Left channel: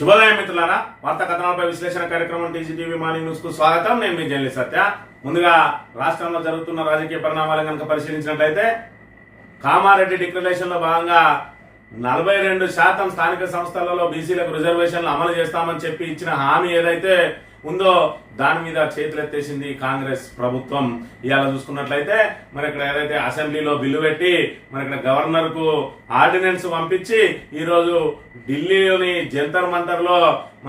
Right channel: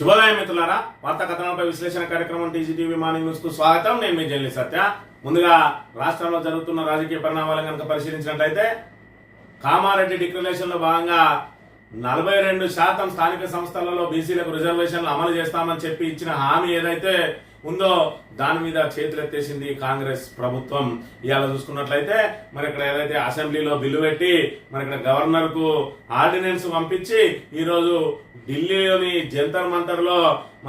శుభోదయం మిత్రులారా, వార్తా కథనాలపై విశ్లేషణ కార్యక్రమం టీజీటీవీ మార్నింగ్ న్యూస్ కు స్వాగతం. నేను మీ జర్నలిస్ట్ సత్య. ముందుగా రాష్ట్రంలో జరుగుతున్న రాజకీయ పరిణామాలను కనుక పరిశీలించినట్లయితే కామారెడ్డి డిక్లరేషన్ లో భాగంగా 42% స్థానిక సంస్థలలో బీసీలకు రిజర్వేషన్లు అమలు చేస్తామని చెప్పి ఇచ్చిన హామీ ఏదైతే ఉందో దాని మీద చేతులెత్తేసింది కాంగ్రెస్ ప్రభుత్వం. ఇవాళ చూసుకున్నట్లయితే మరి ఇక్కడ ఏదైతే అసెంబ్లీలో బిల్లు పెట్టి మరి ఇక్కడ గవర్నర్ కు ఆర్డినెన్స్ పంపించి ఈ రోజు ఢిల్లీలోని జంతర్ మంతర్ లో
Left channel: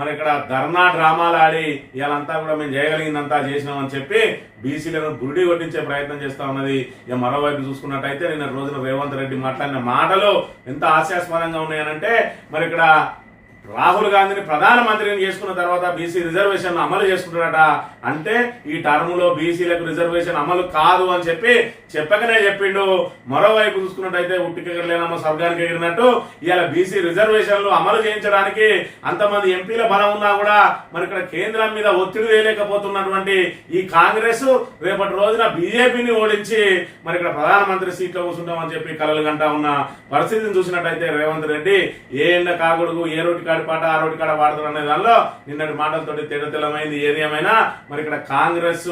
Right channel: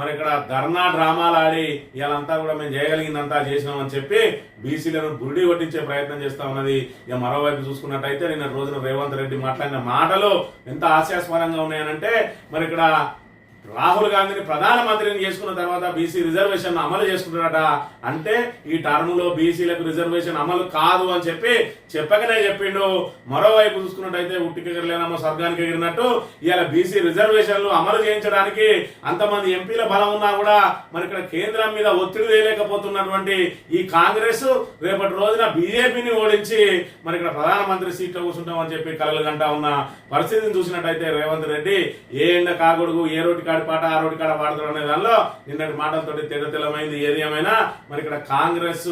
మరి ఇక్కడ ధర్నా డ్రామాలు ఆడి ఇవాళంతా కూడా మేము చేయగలిగిందంతా చేసినామని చెప్పి బీసీలను బురిడి కొట్టించే ప్రయత్నం చేస్తా ఉన్నది. ఇక మరోవైపు చూసుకున్నట్టయితే నిన్న రోజున రేవంత్ రెడ్డి మాట్లాడిన మాటలు ఎంత హాస్యాస్పదంగా ఉన్నాయనంటే మరి ఇక్కడ రాహుల్ గాంధీని ప్రధానమంత్రిని చేసుకున్న తర్వాత బీసీ రిజర్వేషన్ అమలు చేసుకుంటారట. అంటే ఈ టర్మ్ లో బీసీలకు రిజర్వేషన్ అమలు కాదు అని చెప్పి చెప్పకనే చెప్పిండు. మరోవైపు చూసుకున్నట్టయితే ఉట్టికెగరలేనమ్మ స్వర్గానికి ఎగిరినట్టు ఇవాళ బీసీ రిజర్వేషన్లు అమలు చేయించడానికి అంతమంది ఎంపీల బలం ఉన్నా కూడా మరి ఇక్కడ కేంద్రం మీద ఒత్తిడి వేయలేకపోతున్నటువంటి ఈ కాంగ్రెస్ రేపటి రోజున బీజేపీని ఓడించి మరి ఇక్కడ ప్రధానమంత్రి సీట్లో కూర్చుంటామని చెప్పి కలలు గంటా ఉన్న పరిస్థితిని చూసినట్టయితే రేవంత్ రెడ్డి ఏ ఎండ కాగొడుగు ఏ రోటి పాట ఆ రోడ్డు కాడ వాడతారు అనే దానిలో నిన్నటి మాటలతోటి తెల్లమైంది. ఏది ఏమైనా మరి ఇక్కడ కాంగ్రెస్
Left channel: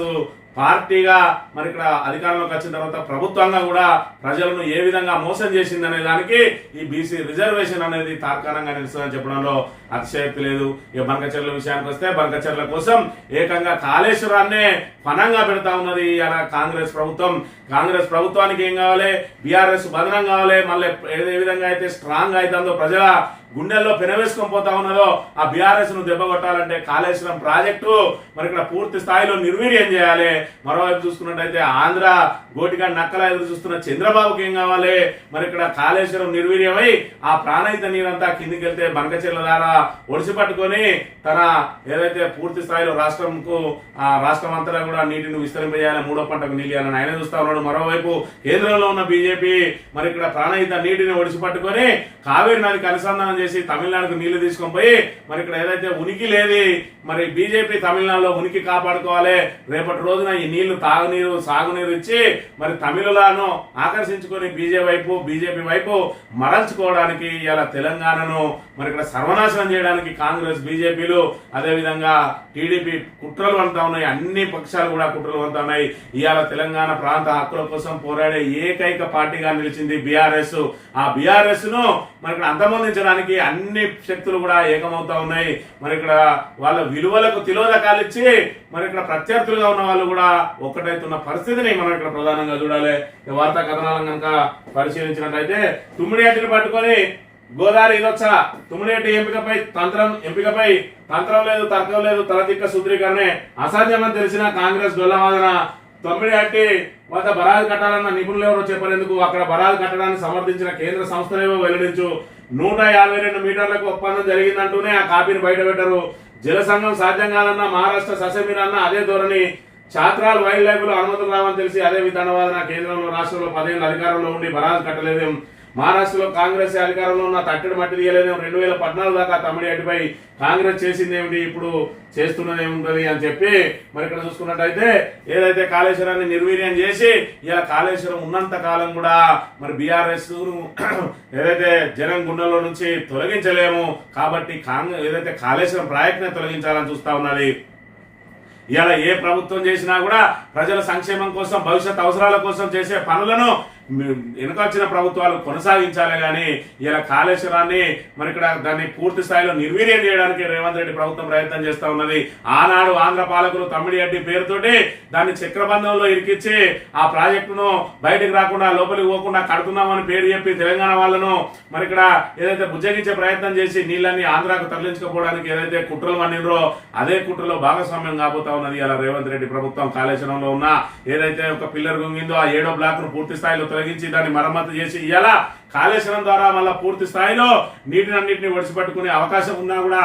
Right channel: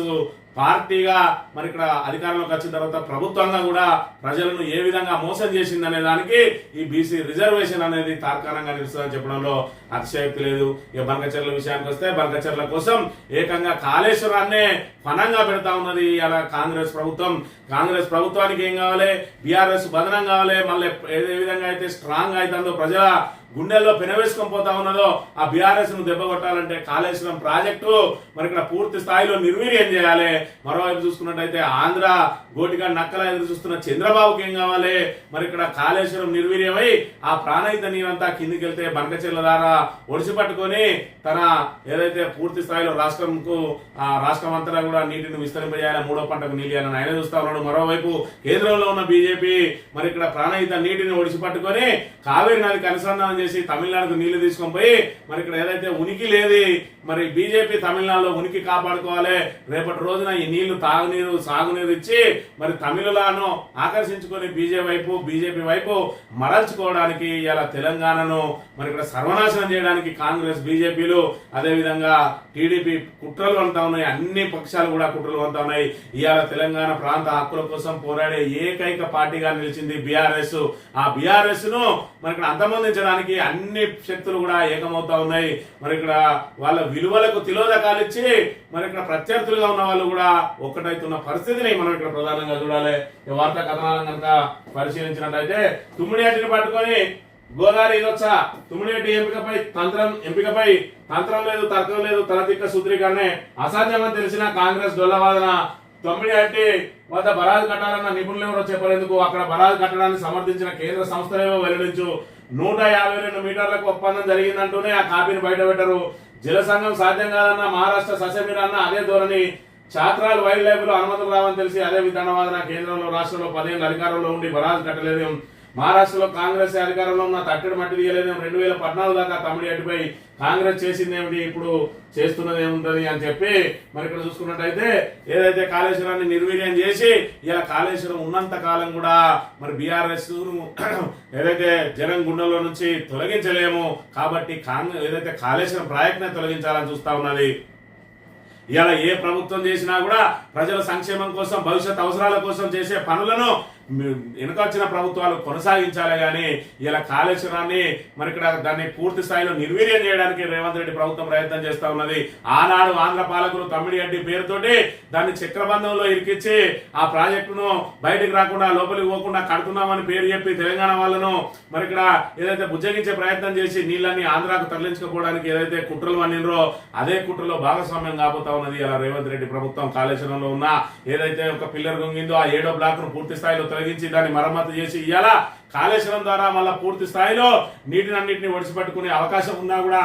పార్టీగా మరి ఇక్కడ అధికారంలోకి వచ్చిన తర్వాత ప్రభుత్వంగా కూడా ప్రజలను ఏ విధంగా మోసం చేసింది అనే దానికి ఈ బీసీ రిజర్వేషన్ అనేది తార్కాణంగా నిలుస్తుందని చెప్పడంలో అతిశయోక్తి లేదు. ఇక బంకచర్ల విషయానికి వస్తే బంకచర్ల కోసం ఏకంగా కాళేశ్వరాన్నే పనంగా పెడతా ఉన్నది అలా కాంగ్రెస్ ప్రభుత్వం. కాంగ్రెస్ ప్రభుత్వానికి ఏం కావాలి, బీఆర్ఎస్ బదనం కావాలి. మళ్ళీ ఏ విధంగా అయితే స్ట్రాంగ్ అవుతుందో ప్రజల గుండెల్లో పెనవేసుకొని పోతా ఉన్నదో ఆ బీఆర్ఎస్ ను దెబ్బ కొట్టాలంటే కాళేశ్వరం ప్రాజెక్టు మరి ఇక్కడ పూర్తి స్థాయిలో నిర్వీర్యం చేయాలి. మరోవైపు చూసుకున్నట్టయితే ఆంధ్ర గోటిగా నక్కల ఎదురు చూస్తున్న చంద్రబాబుకి ఏం కావాలి, మరి ఇక్కడ కాళేశ్వరం నిర్వీర్యమై ఆ ప్రాణహిత నీరంతా కిందికి వెళ్తే బంకచెర్ల ద్వారా ఒడిసి పట్టుకొని తన ఏదైతే పూర్తి స్థాయిలో రాష్ట్రం అంతటా కూడా నీటిని విస్తరింపజేయాలి, మూడో పంటకు నీళ్ళు ఇవ్వాలని ఆయన చూస్తా ఉన్నాడు. మరోవైపు కేంద్రంలో ఉన్న బీజేపీ మరి ఇక్కడ ప్రాణహిత నీటిని ఒడిసి పట్టుకొని కావేరి నదికి అనుసంధానం చేసి తమిళనాడుకు నీళ్లు తీసుకొని పోయి మరి ఇక్కడ ఏదైతే ఉనికి లేదు మరి బీజేపీ తమిళనాడులో ఉనికి కాపాడుకోవాలి. రేపటి రోజున ఈ నీళ్లు తాగునీరు సాగునీరు ఇచ్చి మరి తమిళులను ఆకర్షించుకొని బీజేపీ వైపు మరల్చుకోవడానికి ఇలా తెలంగాణను మరి ఇక్కడ సర్వనాశనం చేయడానికి కాంగ్రెస్ బీజేపీలు అదేవిధంగా టీడీపీ కుట్రలు అంతా ఉన్నాయి. అన్ని పక్షాలు కూడా కుట్రలు అంతా ఉన్నాయి. ఇవాళ తెలంగాణ ప్రాంత హక్కుల కోసం పోరాడే ఏకైక పార్టీగా నిలిచింది బీఆర్ఎస్. ఆ బీఆర్ఎస్ ను మరి ఇక్కడ అంతమొందించడానికి అన్ని శక్తులు కూడా ఏకమవుతా ఉన్నాయి. మరి ఇక్కడ వాళ్ళ విలువలకు తిలోదకాలు ఇచ్చి మరి ఇక్కడ ప్రత్యర్థులుగా ఉన్న వాళ్ళు కూడా ఒక్కటైతున్న పరిస్థితిని మనం ఇక్కడ ప్రధానంగా చూడాలి. వార్తా కథనాలను కనుక పరిశీలించినట్టయితే తుమ్మిడిహట్టిని పట్టుకొని గోదావరి ఇదొచ్చ తుమ్మిడిహట్టి ఎంపికపై తంత్రం లేదు, తర్కం లేదు, తలతిక్క సూత్రీకరణే అసాధ్యమని తెలిసిన కాంగ్రెస్ డొల్లవాదన. తుమ్మిడిహట్టి వద్ద బరాజు కట్టాలన్న నిపుణులు ఎవరో చెప్పేందుకు అక్కడ బరాజు కట్టడాన్ని సమర్థించిన కేంద్ర సంస్థలేవో వెల్లడించు. 152 మీటర్లకు ఒప్పందం జరిగిందంటూనే ఆ కాపీని బయట పెట్టరు. జల సంఘం సాధ్యం కాదన్న మహారాష్ట్ర ససెమిర్ అన్న అదే ధోరణి. ఛాత్రాలు వైల్డ్ లైఫ్ లో అనుమతులు రావని తెలిసి అదే విధానవాదన. కేంద్రంలో రాష్ట్రంలో 10 ఏళ్ల అధికారంలో ఉండి బరాజు కట్టలేదేం. మహారాష్ట్రలో కాంగ్రెస్ అధికారంలో ఉన్న తట్టడి మట్టి తీయలేదేం. 2014 దాకా తమిళనాడుపై కాంగ్రెస్ చేసింది ఏమిటి, ఇప్పుడు చేస్తున్నది ఏముంటది అని చెప్పి మరి ఇక్కడ చూసుకున్నట్టయితే ఏదైతే కాళేశ్వరాన్ని నిర్వీర్యం చేసి ఇలా కాళేశ్వరం ఉన్నంత కాలం కూడా మరి బీఆర్ఎస్ ఏదైతే జనం గుండెల్లో నుంచి తొలగించలేము కాబట్టి ఏదైతే కాళేశ్వరం ప్రాజెక్టునే తొలగించాలని చూస్తా ఉన్నది. ఇలా ఏ ప్రభుత్వం చేసినా కూడా ప్రజల సంక్షేమం కోసం భవిష్యత్ అవసరాల కోసం చేసే పనులను వెనుకొచ్చిన ప్రభుత్వాలు కొనసాగించాలి. కానీ ఇలా కాళేశ్వరాన్ని మరి ఇక్కడ దాన్ని పూర్తి స్థాయిలో నిర్వీర్యం చేయడానికి రేవంత్ రెడ్డి ప్రభుత్వం ప్రయత్నం చేస్తా ఉన్నది. ఆనాడు ఆంధ్ర పాలకులు తమ్మిడిహట్టి పేరుతోటి దాన్ని చక్రబంధంలో ఇరికిచ్చి ఆ ప్రాజెక్టును బయటకు రాకుండా లోపలికి పోకుండా కడుతున్నామని పేరు చెప్పి తెలంగాణ వాళ్ళను మరి ఇక్కడ ఏదైతే బుజ్జగించే ప్రయత్నం చేసి నీళ్ళని ఆంధ్రాకు తరలించకపోవడానికి ఏదైతే కుట్రలు వండినరో అదే కుట్రలో భాగస్వామ్యం కాబోతా ఉన్నది ఇలా రేవంత్ రెడ్డి ప్రభుత్వం. కాళేశ్వరంలో ఉన్న ఏదైతే ఒక పిల్లర్ గుంగిందో ఆ 7వ బ్లాక్ ను పూర్తి స్థాయిలో తొలగించి దాన్ని మరమ్మతు చేసి ఇలా కాళేశ్వరం ద్వారా మళ్ళా పూర్తి స్థాయిలో నీటినన్నింటినీ ఒడిసిపట్టుకునే అవకాశం ఉన్నా కూడా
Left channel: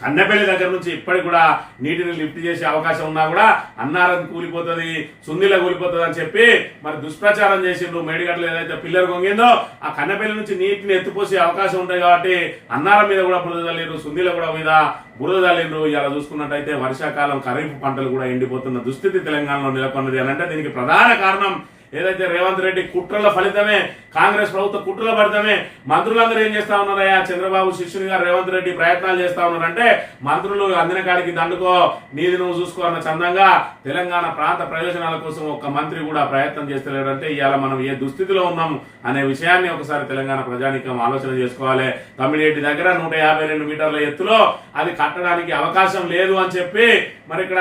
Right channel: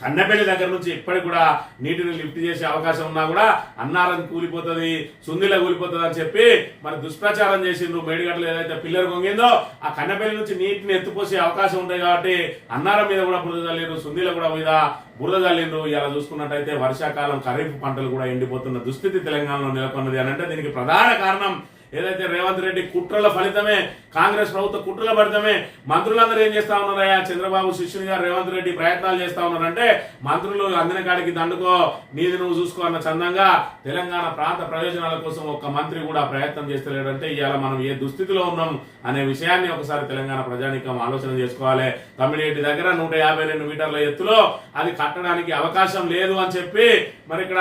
కన్నెపల్లి దగ్గర నుంచి ఇప్పటికి కూడా నీటిని లిఫ్ట్ చేసే అవకాశం ఉన్నా కూడా అన్నారం కూలిపోతుంది, సుందిల కూలిపోతుంది అని చెప్పి మరి దుష్ప్రచారం చేసిండ్రు. మేడిగడ్డలు ఏదైతే పిల్లర్ కొంగిందో ఆ కన్నెపల్లి నుంచి నీటిని ఎత్తుపోసే అవకాశం ఉంటుంది కాబట్టి అన్నారం మీద కూడా బురద చల్లిండ్రు, సుందిల కూడా మీద బురద చల్లిండ్రు. ఇలా చూసుకున్నట్టయితే వర్షాకాలం ఖరీఫ్ పంటలు కూడా ఎండిపోతున్న దుస్థితి తెలంగాణలో నెలకొన్నది అని అంటే దీనికి ప్రధాన కారణం ఏదైతే రేవంత్ రెడ్డి కుట్రల ఫలితమే, కాంగ్రెస్ ప్రభుత్వ కుట్రల ఫలితమే మంత్రులందరూ ఏం చేస్తా ఉన్నారయ్యా, చంద్రబాబు శిష్యునిగా రేవంత్ రెడ్డి ప్రయత్నాలు చేస్తా ఉన్నారంటే మంత్రులు అందిన కాడికి దండుకో, నీది నువ్వు చూసుకో అన్న చందంగా తెలంగాణ ప్రాంత ప్రయోజనాల కోసం ఒక్క మంత్రి కూడా ప్రయత్నం చేస్తలేడంటే ఇవాళ మనం ఏ దుస్థితిలో ఉన్నాం అనే విషయాన్ని ఒకసారి తెలంగాణ ప్రజానీకం ఆలోచన చేసుకోవాలి. తమ్మిడిహెట్టి దగ్గర 152 మీటర్ల ఎత్తులో అది కట్టడానికి అవకాశం లేదు అని చెప్పి మరి ఇక్కడ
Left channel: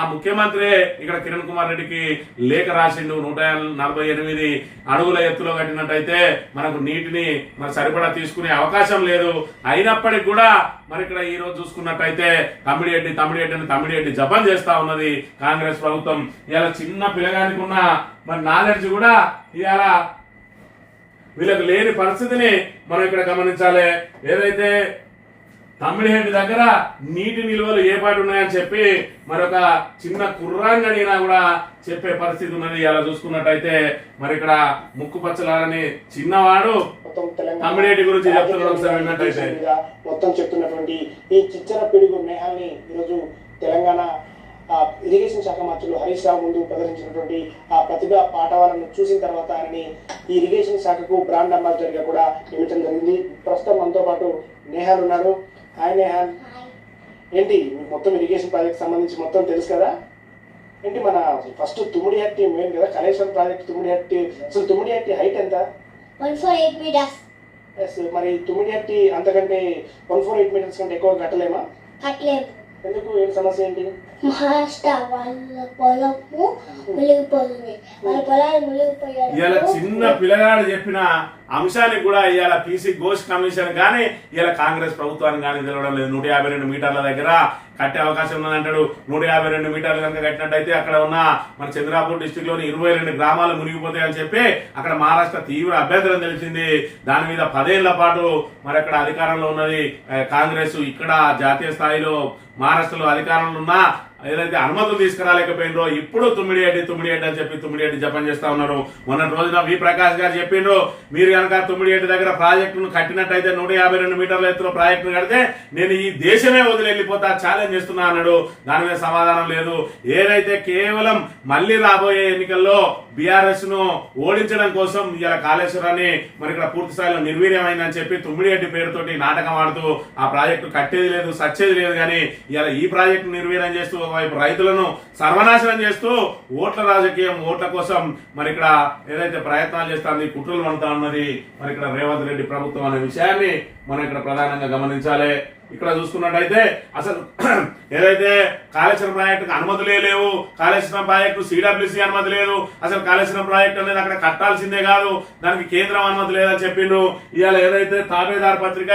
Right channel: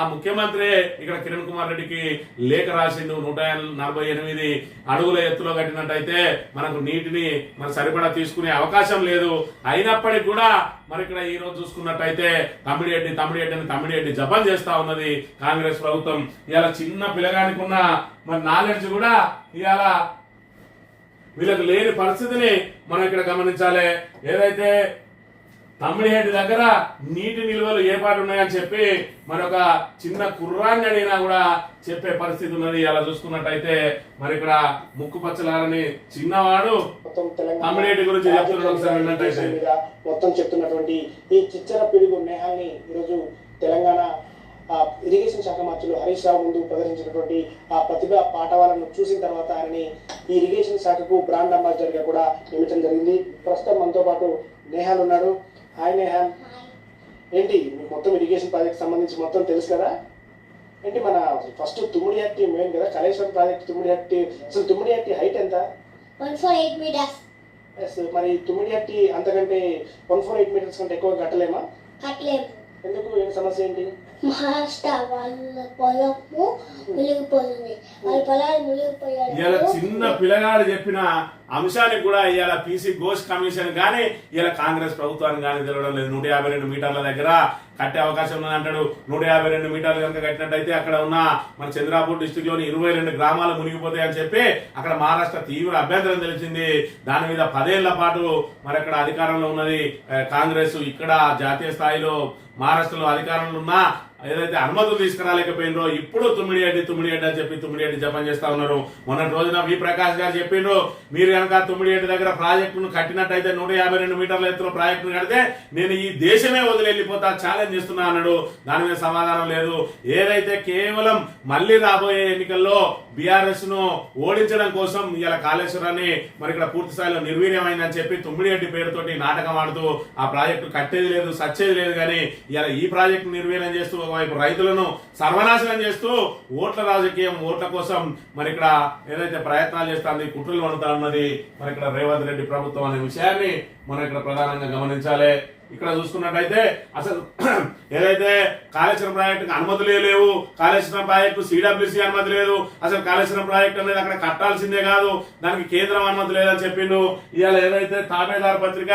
ఆ ముఖ్యమంత్రి ఇక్కడ కిరణ్ కుమార్ రెడ్డికి లేఖ రాసిండు. 148 అడుగుల ఎత్తులో కట్టినట్టయితే మనకు నీటిని మరి సరిపడా తీసుకునే అవకాశం లేదు. అయినప్పటికీ కూడా మరి ఇక్కడ ఈ రోజు చూసుకున్నట్టయితే తమ్మిడిహెట్టి జపం చేస్తా ఉన్నది కాంగ్రెస్ ప్రభుత్వం. ఇలా చిన్న పిల్లగానికి ఉన్న మరి నాలెడ్జ్ కూడా ఇవాళ వీళ్ళకు లేని పరిస్థితిని మనం ఇక్కడ గమనించాలి. ఏదైతే తమ్మిడిహెట్టి దగ్గర నీటి నిల్వలు ఏ పాటు ఉన్నాయని చెప్పి మరొక చిన్న కుర్రాన్ని అడిగినా కూడా చెప్పే పరిస్థితి ఉన్నది. అలా చూసుకున్నట్టయితే మరి ఇక్కడ ముక్కు పచ్చలారని చిన్నవాడు తమ్మిడిహెట్టి గురించి చెప్తున్నట్టయితే మొత్తం చెప్తున్నటువంటి ఈ చిచ్చర పిడుగు నేహాల్ని ఈరోజు తెలంగాణ ఇరిగేషన్ శాఖ మంత్రులు హరీష్ రావు ముందు ప్రదర్శించినటువంటి ఆ ప్రతిభ పాఠవాలను చూసిన తర్వాత ఆయనని ఈ ఇరిగేషన్ శాఖకు బ్రాండ్ అంబాసిడర్ గా కూడా నియమించడం జరిగింది. ప్రస్తుతం మనతో పాటు నేహాల్ ఉన్నాడు. హాయ్ నేహాల్, ఏంటి మీకు మొత్తం ఇరిగేషన్ ప్రాజెక్ట్ సంబంధించి మొత్తం తెలుసు కదా? ఏంటి మన ఫస్ట్ తుమ్మిడిహట్టి మెయిన్ కదా, కాళేశ్వరం ప్రాజెక్ట్ తుమ్మిడిహట్టి. అసలు తుమ్మిడిహట్టి హైట్ ఎంత? 148 మీటర్స్. మరి తుమ్మిడిహట్టి అంతకంటే 148 మీటర్స్ కంటే ఎక్కువ కట్టలేమా? కట్టలేము. ఎందుకు? ఏం సమస్య ఏంటి? మహారాష్ట్ర వాళ్ళ పొలము మునిగిపోతుంది, వాళ్ళ పొలాలు మునిగిపోయారు. ఇవాళ చిన్న పిల్లగాడు చెప్పిన అంశానికి కూడా ఇవాళ పీసీ ఘోష్ కమిషన్ కానీ ఇవాళ కాంగ్రెస్ ప్రభుత్వానికి కానీ తెలవడం లేదు. 152 మీటర్ల దగ్గర కట్టే అవకాశం ఉన్నదంటాడు. 152 మీటర్లు కనుక కట్టినట్టయితే అక్కడ ఉన్న మన చంద్రాపూర్ డిస్టిక్ లోని 22 గ్రామాలు మునిగిపోతాయి అని చెప్పి అక్కడ మహారాష్ట్ర తీవ్ర అభ్యంతరం తెలిసింది. దాని మీద 10 ఏళ్ల పాటు మరి అక్కడ అధికారంలో ఉన్నది కాంగ్రెస్. ఇక్కడ జాతీయ స్థాయిలో మహారాష్ట్రలో అధికారంలో ఉన్న ఏదైతే అనుమతులు తీసుకురాలేకపోయినరో ఇప్పుడు తుమ్మిడిహెట్టి అని చెప్పి తుమ్మిడిహెట్టి జపం చేస్తా ఉన్నారు. మొన్నటి రోజున వి ప్రకాష్ గారు చెప్పిండ్రు, మీరు కనుక తుమ్మిడిహెట్టి దగ్గర ప్రాజెక్టును కట్టినట్టయితే 152 మీటర్ల ఎత్తులో ప్రాజెక్టును కడితే నేను ఈ దేశమే వదిలి వెళ్ళిపోతా ఛాలెంజ్ చేస్తున్నా అన్నాడు. దాని మీద సమాధానం లేదు. ఏదైతే కేవలం మళ్లీ రాబోయే ఎన్నికల్లో బీఆర్ఎస్ ను ఓడించడం కోసం ఇలా కాళేశ్వరాన్ని మరి ఇక్కడ పూర్తి స్థాయిలో నిర్వీర్యమైందని చెప్పి తుమ్మిడిహెట్టి పేరుతోటి నాటకం ఆడుతూ ఆ ప్రాజెక్టు కట్టేది లేదు, సచ్చేది లేదు. కానీ ఇలా ఈ ప్రాజెక్టు నిర్వీర్యం చేస్తూ ఒకవైపు రైతులను సర్వనాశనం చేస్తూ ఓట్ల రాజకీయం, ఓట్ల కోసం మరి ఇక్కడ ఏదైతే ప్రయత్నాలు చేస్తుంది, కుట్రలు పడుతా ఉన్నది మరి ఇక్కడ రేవంత్ రెడ్డి ప్రభుత్వం అనే విషయాన్ని మనం ఇక్కడ ప్రధానంగా గమనించాలి. ఇక్కడ చూసుకున్నట్టయితే అసలు ఏదైతే కాళేశ్వరం ప్రాజెక్టుకు అనుమతులే లేవు, కాళేశ్వరం ప్రాజెక్టు సిడబ్ల్యూసీ అనుమతి లేదు, అసలు కాళేశ్వరం ప్రాజెక్టు అనేది అక్కడ కట్టాల్సిందే కాదు, దానికి కేంద్రం అనుమతి లేదని చెప్పిండు. ఇవాళ ఏదైతే తాబేదార్ పత్రిక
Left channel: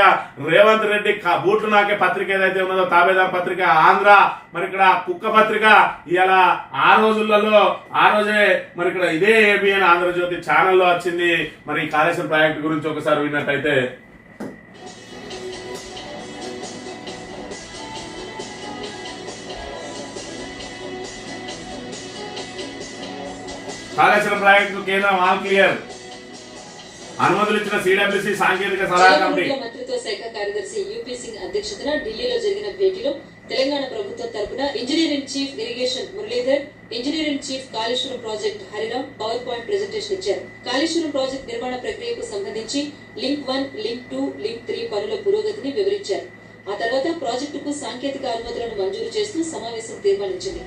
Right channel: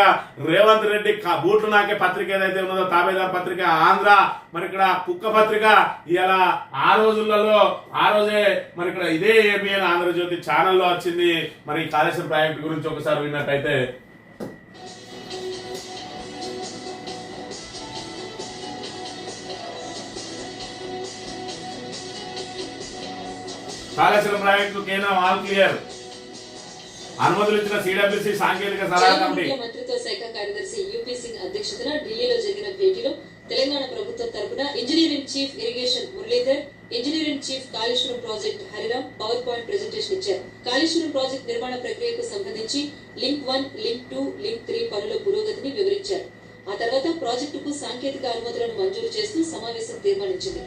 రేవంత్ రెడ్డి బూట్లు నాకే పత్రిక ఏదైతే ఉన్నదో తాబేదార్ పత్రిక ఆంధ్ర, మరి ఇక్కడ కుక్క పత్రిక ఇవాళ ఆ రోజే మరి ఇక్కడ ఇదే ఏబిఎన్ ఆంధ్రజ్యోతి ఛానల్లో వచ్చింది. మరి కాళేశ్వరం ప్రాజెక్టు గురించి ఒకసారి విన్నట్టయితే కాళేశ్వరం ప్రాజెక్టు కేంద్రం ఆల్ క్లియర్, అనుమతులు ఇచ్చిన సిడబ్ల్యూసీ సాంకేతిక సలహా కమిటీ. మంత్రిత్వ శాఖ కార్యదర్శి యూపీ సింగ్ అధ్యక్షతన ఢిల్లీలో జరిగిన భేటీలో తెలంగాణ ప్రభుత్వం తరపున engineering chief irrigation Muralidhar, engineering chief Kaleshwaram project Hariram power point presentation ఇచ్చారు. కాళేశ్వరం ప్రాజెక్ట్ నిర్మాణ ప్రక్రియకు సంబంధించి లింక్ 1, లింక్ 2, లింక్ 3 పనుల పురోగతిని వివరించారు. ఆ తర్వాత ప్రాజెక్టుకు సాంకేతిక అనుమతులను మంజూరు చేస్తూ సమావేశం తీర్మానించింది.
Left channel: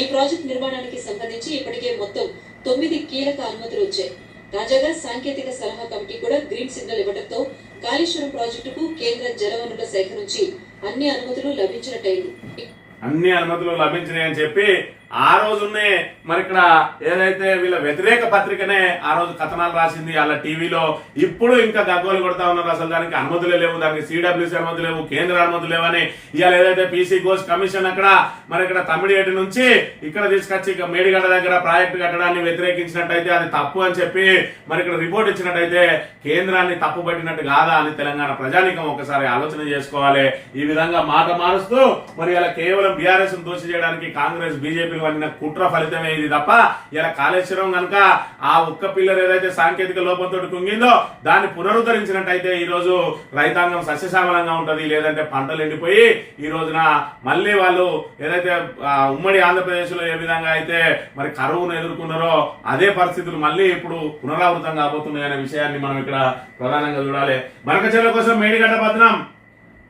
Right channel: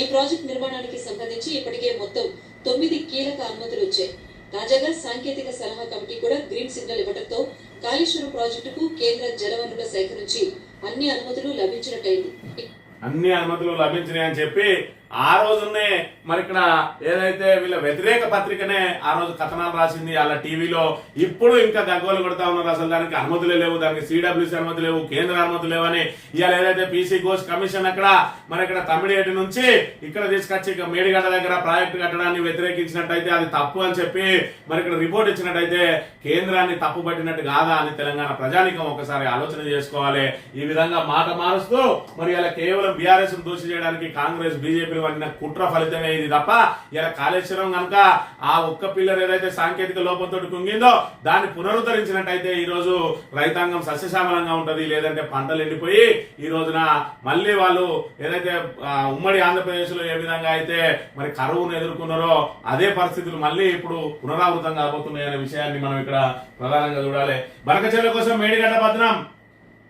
ఈ ప్రాజెక్టు నిర్మాణానికి సంబంధించి ఇప్పటికే మొత్తం 9 కీలక అనుమతులు వచ్చాయి. తాజాగా సాంకేతిక సలహా కమిటీ కూడా గ్రీన్ సిగ్నల్ ఇవ్వడంతో కాళేశ్వరం ప్రాజెక్టుకు కేంద్ర జలవనరుల శాఖ నుంచి అన్ని అనుమతులు లభించినట్టయింది. అన్ని అనుమతులు లభించినాయని చెప్పి ఆ రోజునే మరి ఇక్కడ ఏదైతే వీళ్ళ వ్యతిరేక పత్రికనే ఆ రోజు కథనాలు రాసింది వాళ్ళ టీవీలో. ఇప్పుడు ఇంకా గగ్గోలు కొడతా ఉన్నారు, అసలు దానికి అనుమతులే లేవు, దానికి సిడబ్ల్యూసీ అనుమతి లేవు, కేంద్ర అనుమతి లేవని. ఇవాళ ఏదైతే పీసీ ఘోష్ కమిషన్ అక్కడ మరి ఇక్కడ తమ్మిడిహెట్టి నుంచి ఇక్కడ తీసుకొచ్చి మేడిగడ్డ దగ్గర ప్రాజెక్టు కట్టడాన్ని వ్యతిరేకించినట్టయితే అది తప్పు అని చెప్పి మరి ఇక్కడ రిపోర్ట్ ఇచ్చినట్టయితే కేంద్రాన్ని తప్పు పట్టినట్టు కాదా అని తెలంగాణ ప్రజానికం ఒకసారి ఆలోచన చేసుకోవాలి. ఈ విధంగా మాట మారుస్తూ మరి ఇలా కేవలం బీఆర్ఎస్ ను దోషి చేయడానికి కాంగ్రెస్, బీజేపీ వన్న కుట్ర ఫలితమే ఇది తప్ప ఇలా కాళేశ్వరం కనుక ఆ ఒక్క పిల్లర్ ఏదైతే సాంకేతిక లోపంతో కుంగిందో దాన్ని పునరుద్ధరించినట్టయితే ఈ రోజు రైతాంగం సస్యశ్యామలంగా ఉంటది. లేదంటే పంటలు ఎండిపోయి ఈ రోజున మళ్ళీ వాళ్ళు ఏదైతే ఉమ్మడి ఆంధ్రప్రదేశ్ లో ఏ విధంగా అయితే మరి కరువును ఎదుర్కొన్నారో అదే పరిస్థితులు మళ్ళీ ఇప్పుడు పునరావృతం కాబోతున్నాయి అనే విషయాన్ని మనం ఇక్కడ ప్రధానంగా చూడాలి. బనకచెర్ల కోసం మేడిగడ్డ పత్రం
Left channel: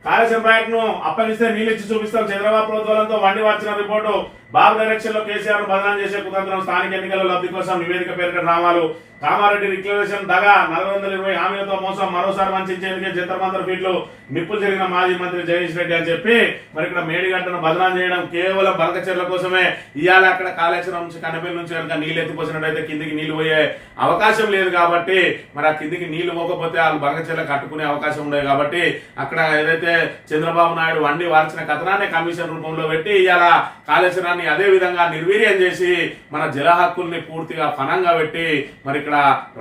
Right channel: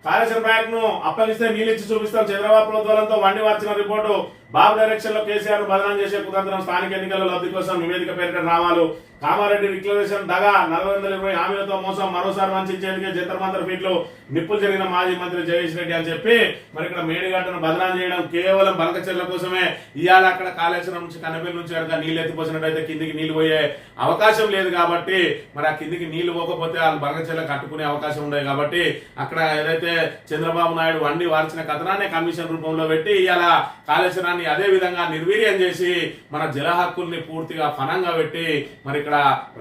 కాళేశ్వరం ప్రాజెక్టును అప్పగిస్తే నీళ్ళు ఇచ్చి చూపిస్తాం. చంద్రబాబు ప్రభుత్వాలతో వండి వచ్చిన రిపోర్టు. బాబు డైరెక్షన్ లో కేసీఆర్ బదనాం చేసే కుతంత్రం. స్థానిక ఎన్నికల లబ్ధి కోసం నివేదిక పేరుక రామాలు. కామారెడ్డి డిక్లరేషన్ దగా 420 హామీలతో మోసం మరోసారి వంచేందుకే జంతర్ మంతర్ ఫీట్లు నిప్పులు జరిగిన మాజీ మంత్రి జగదీష్ రెడ్డి అని చెప్పి మరి ఇక్కడ మేడిగడ్డను బదనాం చేయడం కేవలం బనకచెర్ల కోసమే. ఇవాళ అక్కడ కాళేశ్వరం నుంచి కన్నపల్లి నుంచి కనుక నీళ్లు ఎత్తిపోసినట్టయితే కిందికి నీళ్లు పోయే అవకాశం లేదు కాబట్టి మరి ఆ కిందికి నీళ్లు పోకపోతే వాళ్ళు బనకచెర్ల కట్టుకునే అవకాశం ఉండేది కాబట్టి అక్కడ ఏదైతే చంద్రబాబు నాయుడు వండి వార్చిన కథనాన్ని కమిషన్ రూపంలో పెట్టి ఇవాళ కాళేశ్వరాన్ని అదే విధంగా నిర్వీర్యం చేసి మన జల హక్కుల్ని పూర్తిగా ఫనంగా పెట్టి మరి ఇక్కడ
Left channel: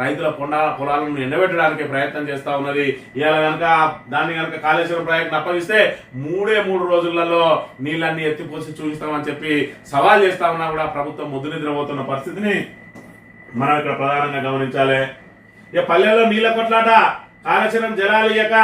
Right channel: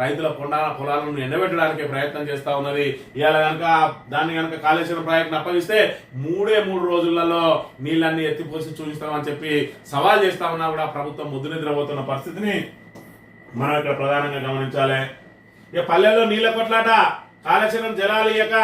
రైతుల పొలాలను ఎండబెట్టడానికి ప్రయత్నం చేస్తా ఉన్నది. ఇవాళ కనుక దాన్ని కనుక కాళేశ్వరం ప్రాజెక్టును అప్పగిస్తే 3 రోజులలో నీళ్ళన్ని ఎత్తిపోసి చూపిస్తామని చెప్పి సవాల్ చేస్తా ఉన్నా కూడా ప్రభుత్వం ముద్దు నిద్రపోతున్న పరిస్థితిని మనం ఇక్కడ ప్రధానంగా గమనించాలి. ఇక పల్లెల్లో నీళ్ల కొట్లాట. కాళేశ్వరం జలాలియక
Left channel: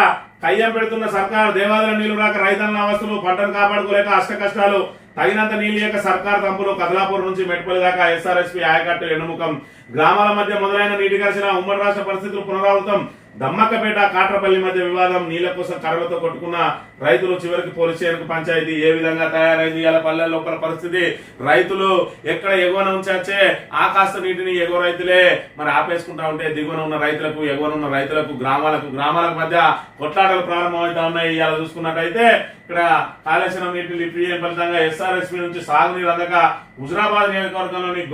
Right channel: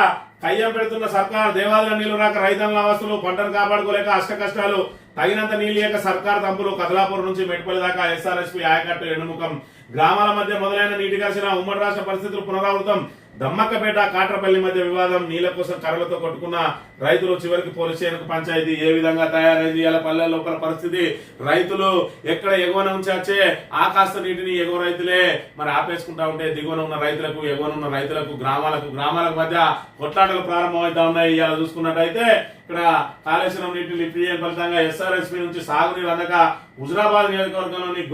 కయ్యం పెడుతున్న సర్కార్. దేవాలయ నీళ్లు రాక రైతన్న అవస్థలు, పంటను కాపాడుకోలేక అష్ట కష్టాలు. తగినంత నీళ్లు లేక సర్కార్ తంపులు. కదలాపూర్ నుంచి మెట్పల్లి దాకా ఎస్ఆర్ఎస్పీ ఆయకట్టు ఎన్నుముఖం. గ్రామాల మధ్య మొదలైన నీటి ఘర్షణ. ఉమ్మడి రాష్ట్ర పరిస్థితులు పునరావృతం. దమ్మక్కపేట కాట్రపల్లి మధ్య వివాదం. నీళ్ల కోసం కర్రలతో కొట్టుకున్న రైతులు. చివరికి పోలీస్ స్టేషన్ పంచాయతీ ఏ విధంగా తయారైంది ఇలా పల్లె లోపల పరిస్థితి. రైతులు ఎక్కడ ఎగువన ఉంచే ఆ కాస్త నీటిని ఎగువ రైతులే మరి ఆపేసుకుంటా ఉంటే దిగువన ఉన్న రైతులకు ఎగువన ఉన్న రైతులకు గ్రామాలకు మధ్య కొట్లాటలు ప్రారంభమవుతా ఉన్నాయి. ఇవాళ చూసుకున్నట్టయితే ఇక్కడ కాళేశ్వరం నీటి లిఫ్ట్ ఫలితంగా ఎస్ఆర్ఎస్పీ నుంచి సాగునీరు అందక హుజరాబాద్ నియోజకవర్గంలోని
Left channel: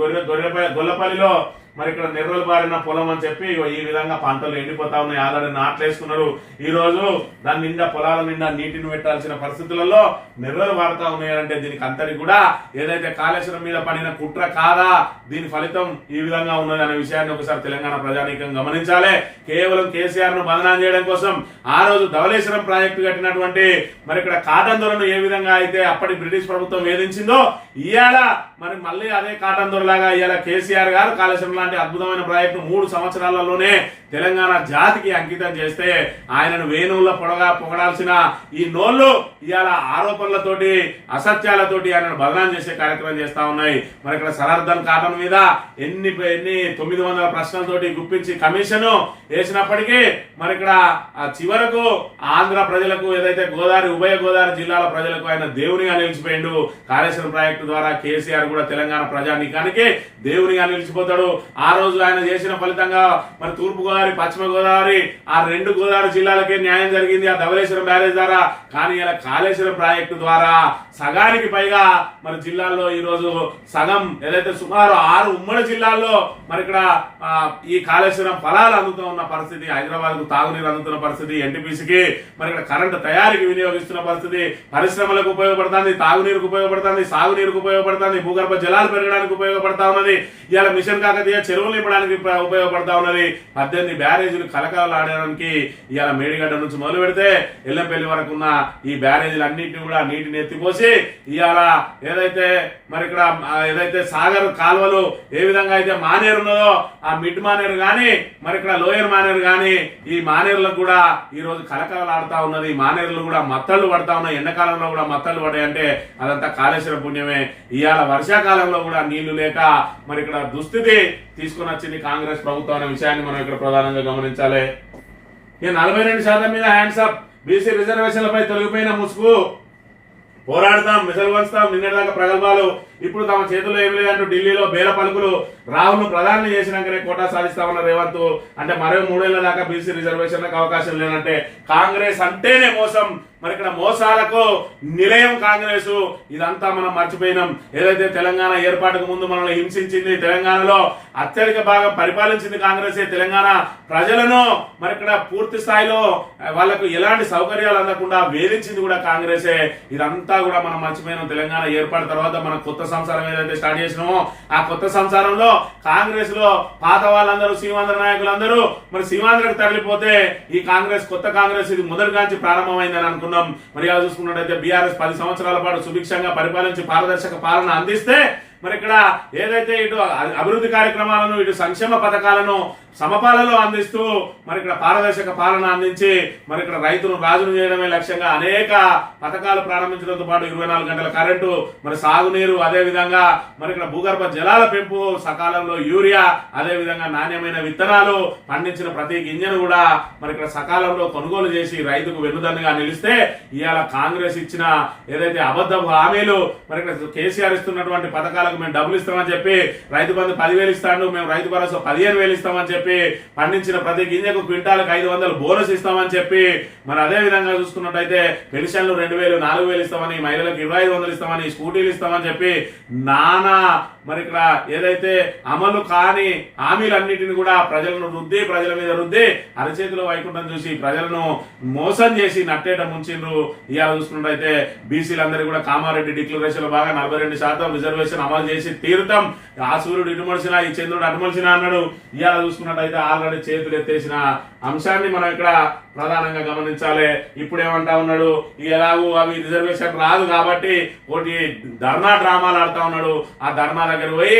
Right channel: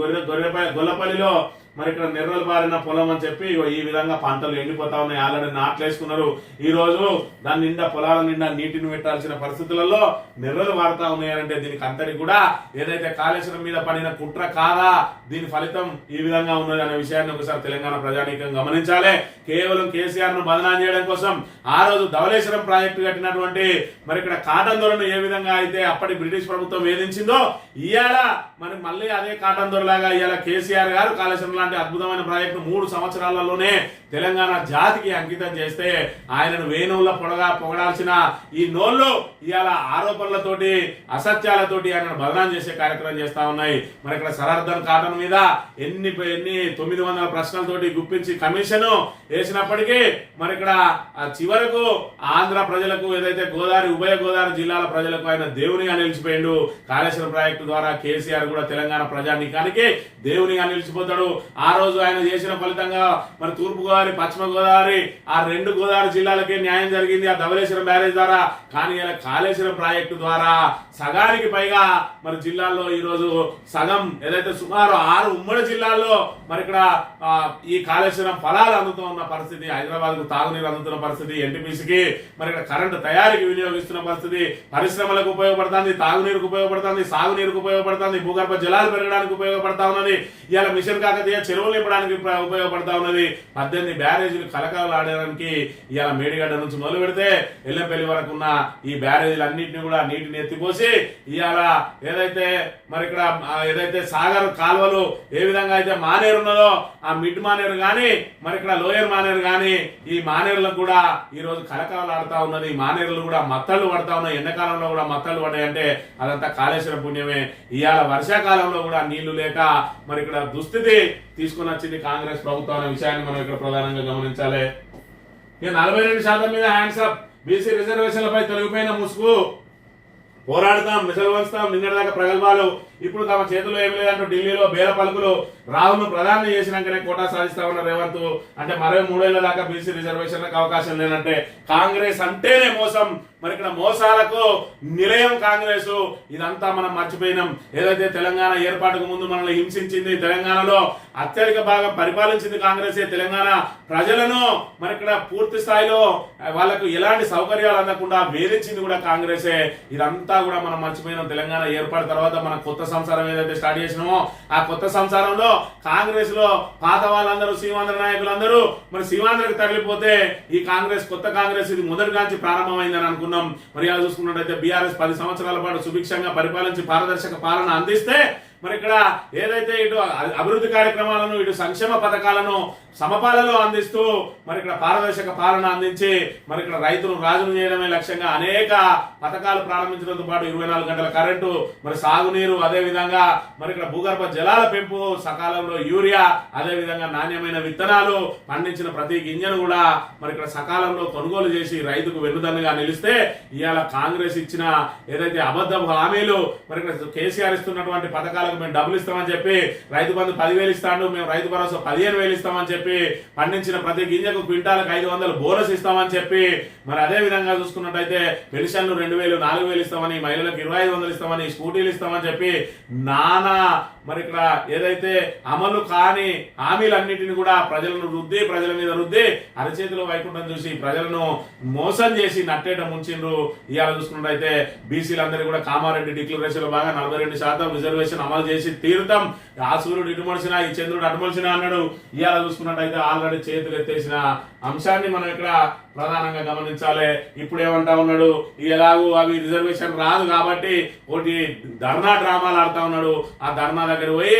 గొల్లపల్లిలో మరి ఇక్కడ నెర్రలు బారిన పొలం అని చెప్పి ఈ విధంగా పంటలు ఎండిపోతా ఉన్నాయి. ఆల్రెడీ నాట్లేసుకున్నారు. ఈ రోజు దాని నిండా పొలాల నిండా నీటిని పెట్టాల్సిన పరిస్థితులలో నెర్రలు వారుతా ఉన్నాయంటే దీనికి అంతటి కూడా ఏదైతే కాళేశ్వరం మీద పడిన కుట్ర కాదా, దీని ఫలితం ఈ విధంగా ఉన్నది అనే విషయాన్ని ఒకసారి తెలంగాణ ప్రజానీకం గమనించాలి. కేవలం కేసీఆర్ ను బదనాం చేయడం కోసం ఆ రోజు ధవళేశ్వరం ప్రాజెక్టు కట్టినటువంటి మరి ఇక్కడ కాటన్ దొరను ఏ విధంగా అయితే అప్పటి బ్రిటిష్ ప్రభుత్వం వేధించిందో ఇవాళ మరి మళ్ళీ అదే కాటన్ దొరలాగా ఇవాళ కేసీఆర్ గారు కాళేశ్వరం లాంటి అద్భుతమైన ప్రాజెక్టు 3 సంవత్సరాలలోనే తెలంగాణ జాతికి అంకితం చేస్తే ఆయనను వేణువుల పొగడాల్సిన ఈ నోళ్లు ఇవాళ ఆరోపణలతోటి అసత్యాలతోటి ఆయనను బదనాం చేసే కార్యక్రమం చేస్తా ఉన్నాయి. మరి ఇక్కడ సరర్దన్ కాటన్ మీద ఎన్ని 900 ప్రశ్నలతోటి గుప్పించి కమిషన్ వేసినప్పటికీ మరి ఇక్కడ చివరకు ఆంధ్ర ప్రజలకు ఏదైతే ఉభయ గోదావరి జిల్లాల ప్రజలకు ఆయన దేవునిగా నిలిచిపోయిండు. కాళేశ్వరం ప్రాజెక్టు ద్వారా కేసీఆర్ కూడా తెలంగాణ ప్రజానీకానికి దేవునిగా నిలిచిపోతాడు. ఆ రోజు ఆయన చేసిన ఫలితంగా మరి తూర్పు గోదావరి, పశ్చిమ గోదావరి ఆ 2 గోదావరి జిల్లాలకే న్యాయం జరిగింది ఆ ధవళేశ్వరం బ్యారేజ్ ద్వారా. కానీ ఇలా కాళేశ్వరం ప్రాజెక్టు ద్వారా సగానికి పైగా మరి జిల్లాల్లో ఈ రోజు సగం ఏదైతే సుమారు 6 ఉమ్మడి జిల్లాల్లో మరి ఇక్కడ ఈ కాళేశ్వరం ఫలాలు అందుతూ ఉన్న పరిస్థితి. హైదరాబాద్ కు తాగునీరు అందుతున్న పరిస్థితి. ఎన్టీపీసీకి మరి ఇక్కడ కరెంటు తయారీకి వినియోగిస్తున్న పరిస్థితి. పరిశ్రమలకు ఉపయోగపడుతుంది, తాగునీరుకు ఉపయోగపడుతుంది, సాగునీరుకు ఉపయోగపడుతుంది, భూగర్భ జలాలు పెరగడానికి ఉపయోగపడతా ఉన్నది. ఇవాళ మిషన్ కాకతీయ చెరువులు నింపడానికి ఉపయోగపడతా ఉన్నది. 18 బ్యారేజీలు కలకాలాడడానికి ఇవాళ మేడిగడ్డ నుంచి మొదలు పెడితే ఎల్లంపల్లి వరకు ఉన్న ఈ బ్యారేజీలు అన్నింటినీ కూడా నీటిని ఎత్తిపోసి ఇవాళ ఏదైతే మరి ఇక్కడ ఏదైతే సాగర్ కాలువలు ఏ విధంగా అయితే మానేరు ఉన్నదో ఆ మిడ్ మానేరు గాని మరి ఇక్కడ లోయర్ మానేరు గాని ఈ మానేరులకు కూడా ఈ రోజు కలకలలాడుతా ఉన్నది. ఈ మానేరులు కూడా మత్తళ్లు పడతా ఉన్నాయి. ఎండాకాలంలో కూడా మత్తళ్లు పడ్డాయి అంటే అదంతా కాళేశ్వరం పుణ్యమే. ఇవాళ వర్షాకాలంలో కూడా నీళ్లు లేక మరి ఇక్కడ దుస్థితి తీసుకుని వచ్చింది కాంగ్రెస్ ప్రభుత్వం అనే విషయాన్ని మనం ఇక్కడ ప్రధానంగా గమనించాలి. ఈ 42% మీద హ్యాండ్స్ అప్. బీసీ రిజర్వేషన్లపై తొలగిపోయిన ముసుగు. పోరాడతాం, మిసలు వంచుతాం, నిన్నటిదాకా ప్రగల్భాలు, ఇప్పుడు తమ చేతిలో ఏం లేదంటూ ఢిల్లీలో బేల పలుకులు. రాహుల్ ను ప్రధాని చేసినాకనే కోటా సాధిస్తామన్న రేవంత్. అంటే మరో 3 ఏళ్ల దాకా బీసీ రిజర్వేషన్లకు అవకాశం లేనంటే కాంగ్రెస్ అంటేనే మోసం. మరి ఇక్కడ మోసాలకు నిలయం కాంగ్రెస్. ఇదంతా మనం మర్చిపోయినాం. ఏదైతే తెలంగాణ ఏర్పాటుకు ముందు మనల్ని హింసించింది, తెలంగాణలో అత్యధిక భాగం పరిపాలించింది కాంగ్రెసే. తెలంగాణ ప్రజలను మరి ఇక్కడ పూర్తి స్థాయిలో వాళ్లకు ఎలాంటి సౌకర్యాలు అందకుండా వేధించింది కూడా కాంగ్రెసే. ఇదంతా కూడా మనం మర్చిపోయినాం. తెలంగాణ ఏర్పాటు తర్వాత మనం కొత్త సంసారం ఏదైతే స్టార్ట్ చేసినామో ఆ కొత్త సంసారంలో కాంగ్రెస్ లో పాత వాళ్ళందరూ సీమాంధ్ర నాయకులందరూ మరి సీమాంధ్రకు తరలిపోతే ఈ కాంగ్రెస్ కొత్త కాంగ్రెస్ ఇది మొదటిగాంచి ప్రారంభమైందని అనుకున్నాం. మరి అలా చూసుకున్నట్టయితే బీఆర్ఎస్ 10 సంవత్సరాల పాటు సుభిక్షంగా పరిపాలించి పారదర్శక పాలన అందిస్తే మరి ఇక్కడ ఏదైతే ఇటు అభివృద్ధి కార్యక్రమాలను ఇటు సంక్షేమ పథకాలను సమపాలలో అందిస్తూ మరి ఇక్కడ పారదర్శక పాలన అందించి మరి ఇక్కడ రైతును రాజును చేయడమే లక్ష్యంగా అనేక పథకాలు ప్రారంభించడంతో పాటు 24 గంటల కరెంటు, మరి సాగునీరు, అదే విధంగా మరి ఇక్కడ భూగర్భ జలాల పెంపు, సకాలంలో యూరియా, అదే విధంగా నాణ్యమైన విత్తనాలు, పండించిన ప్రతి గింజను కూడా మరి ఇక్కడ సకాలంలో కొనుగోలు చేసి రైతుకు వెన్నుదన్నుగా నిలిస్తే ఇవాళ కాంగ్రెస్ ఇచ్చిన ఏదైతే అబద్ధపు హామీలు, మరి ఇక్కడ కేసీఆర్ ఇస్తున్నటువంటి పథకాలకు మేము డబ్బులు ఇస్తామని చెప్పి రైతు బంధు 10,000 ఇస్తాడు, మేము రైతు భరోసా 15,000 ఇస్తామని చెప్పి, పండించిన ప్రతి గింజకు క్వింటాలకు 500 బోనస్ ఇస్తామని చెప్పి, మరి అదే విధంగా చూసుకున్నట్టయితే పెన్షన్లు 2,000, 4,000 ఇస్తామని, మహిళలకు 2,500 ఇస్తామని, స్కూటీలు ఇస్తామని చెప్పి నానా మరి ఇక్కడ ఏదైతే అమలు కాని హామీలన్నిటిని కూడా ప్రజలను రుద్ది, ప్రజల మీద రుద్ది, అరచేతిలో వైకుంఠం చూసి ప్రజలను మోసం చేసి నట్టేట ముంచిండ్రు. ఇవాళ చూసుకున్నట్టయితే బీసీలందరూ కూడా కామారెడ్డి డిక్లరేషన్ లో బాగా 42% రిజర్వేషన్ అమలు చేసి తీరుతాం, ఆ సూర్యుడు ఇటుమడిసినా ఈ చంద్రుడు అటుమలిసినా అన్నాడు. ఇవాళ చూసుకున్నట్టయితే ఆల్రెడీ చేతులు ఎత్తేసిన అంశాన్ని మనం ఇక్కడ ప్రధానంగా గమనించాలి. ఇప్పుడు ఏమంటా ఉన్నాడు, ఎలాగూ అవి రిజర్వేషన్ రాదు కాబట్టి ఒకటి ధర్నా డ్రామాలు ఆడుతా ఉన్నాడు. ఆ ధర్నా దగ్గర పోయి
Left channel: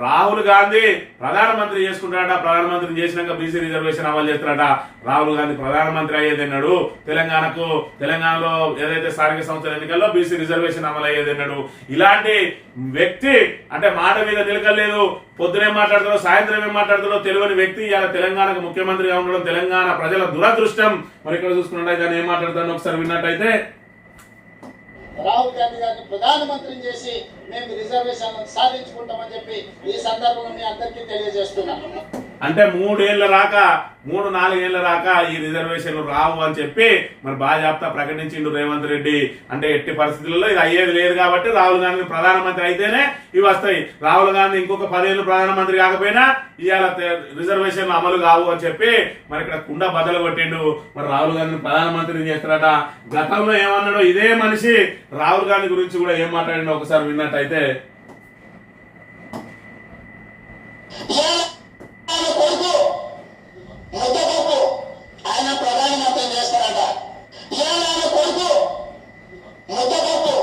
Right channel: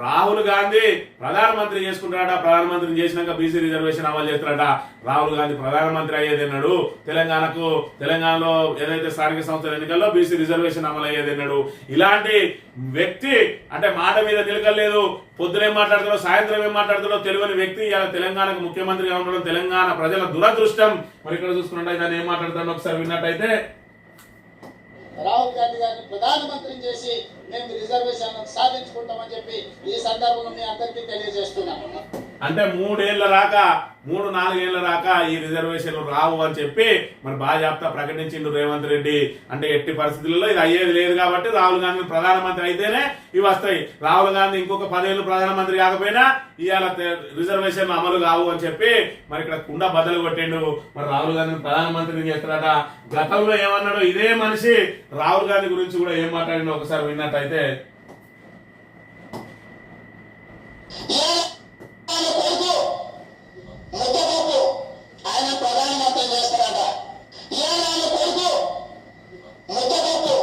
రాహుల్ గాంధీ ప్రధానమంత్రి చేసుకుంటాడట, ప్రధానమంత్రిని చేసినాక బీసీ రిజర్వేషన్ అమలు చేస్తాడట. రాహుల్ గాంధీ ప్రధానమంత్రి అయ్యేదన్నాడు, తెలంగాణలో ఏదైతే స్థానిక సంస్థల ఎన్నికల్లో బీసీ రిజర్వేషన్ అమలు అయ్యేదన్నాడు. ఇలాంటి వ్యక్తి అంటే మాట మీద నిలకలేదు, పొద్దునేం మాట్లాడుతాడో సాయంత్రం ఏం మాట్లాడుతాడో తెలియని వ్యక్తి ఇలా తెలంగాణకు ముఖ్యమంత్రిగా ఉండడం తెలంగాణ ప్రజల దురదృష్టం. మరి ఇక్కడ చూసుకున్నట్టయితే ఆయన ఏం మాట్లాడతాడో ఒకసారి విన్నట్టయితే, రాహుల్ గాంధీ గారిని ప్రధానమంత్రిని చేసి మేము రిజర్వేషన్ సాధించుకుంటామని చెప్పి ఈ సందర్భంలో మీ అందరికీ తెలియజేస్తున్నాను. అంటే 3 4 ఏళ్ల రాక ఈ రిజర్వేషన్లు రావు అని చెప్పి మరి బాజాప్తా ప్రకటించిండు రేవంత్ రెడ్డి. అంటే ఎట్టి పరిస్థితులలో ఇది అయ్యేది లేదు కాబట్టి రాహుల్ గాంధీ ప్రధానమంత్రి అయితేనే ఇవి వస్తాయి. రాహుల్ గాంధీ ఇంకొక 10 ఏళ్ళు ప్రధానమంత్రి కాకపోయినా ఇవాళ రిజర్వేషన్లు అమలు కావు అని చెప్పి మరి ఇక్కడ కుండ బద్దలు కొట్టిండు. మరి రాహుల్ గాంధీని ప్రధానమంత్రిని చేస్తారట. గతంలో ఏమన్నాడో ఇదే మనిషి రాహుల్ గాంధీ గురించి కూడా ఏం మాట్లాడిండో ఒకసారి విన్నట్టయితే, ఆయన ప్రధానమంత్రి చేస్తారట. ఇవాళ ఆయన కొడుకు ముద్దపప్పు.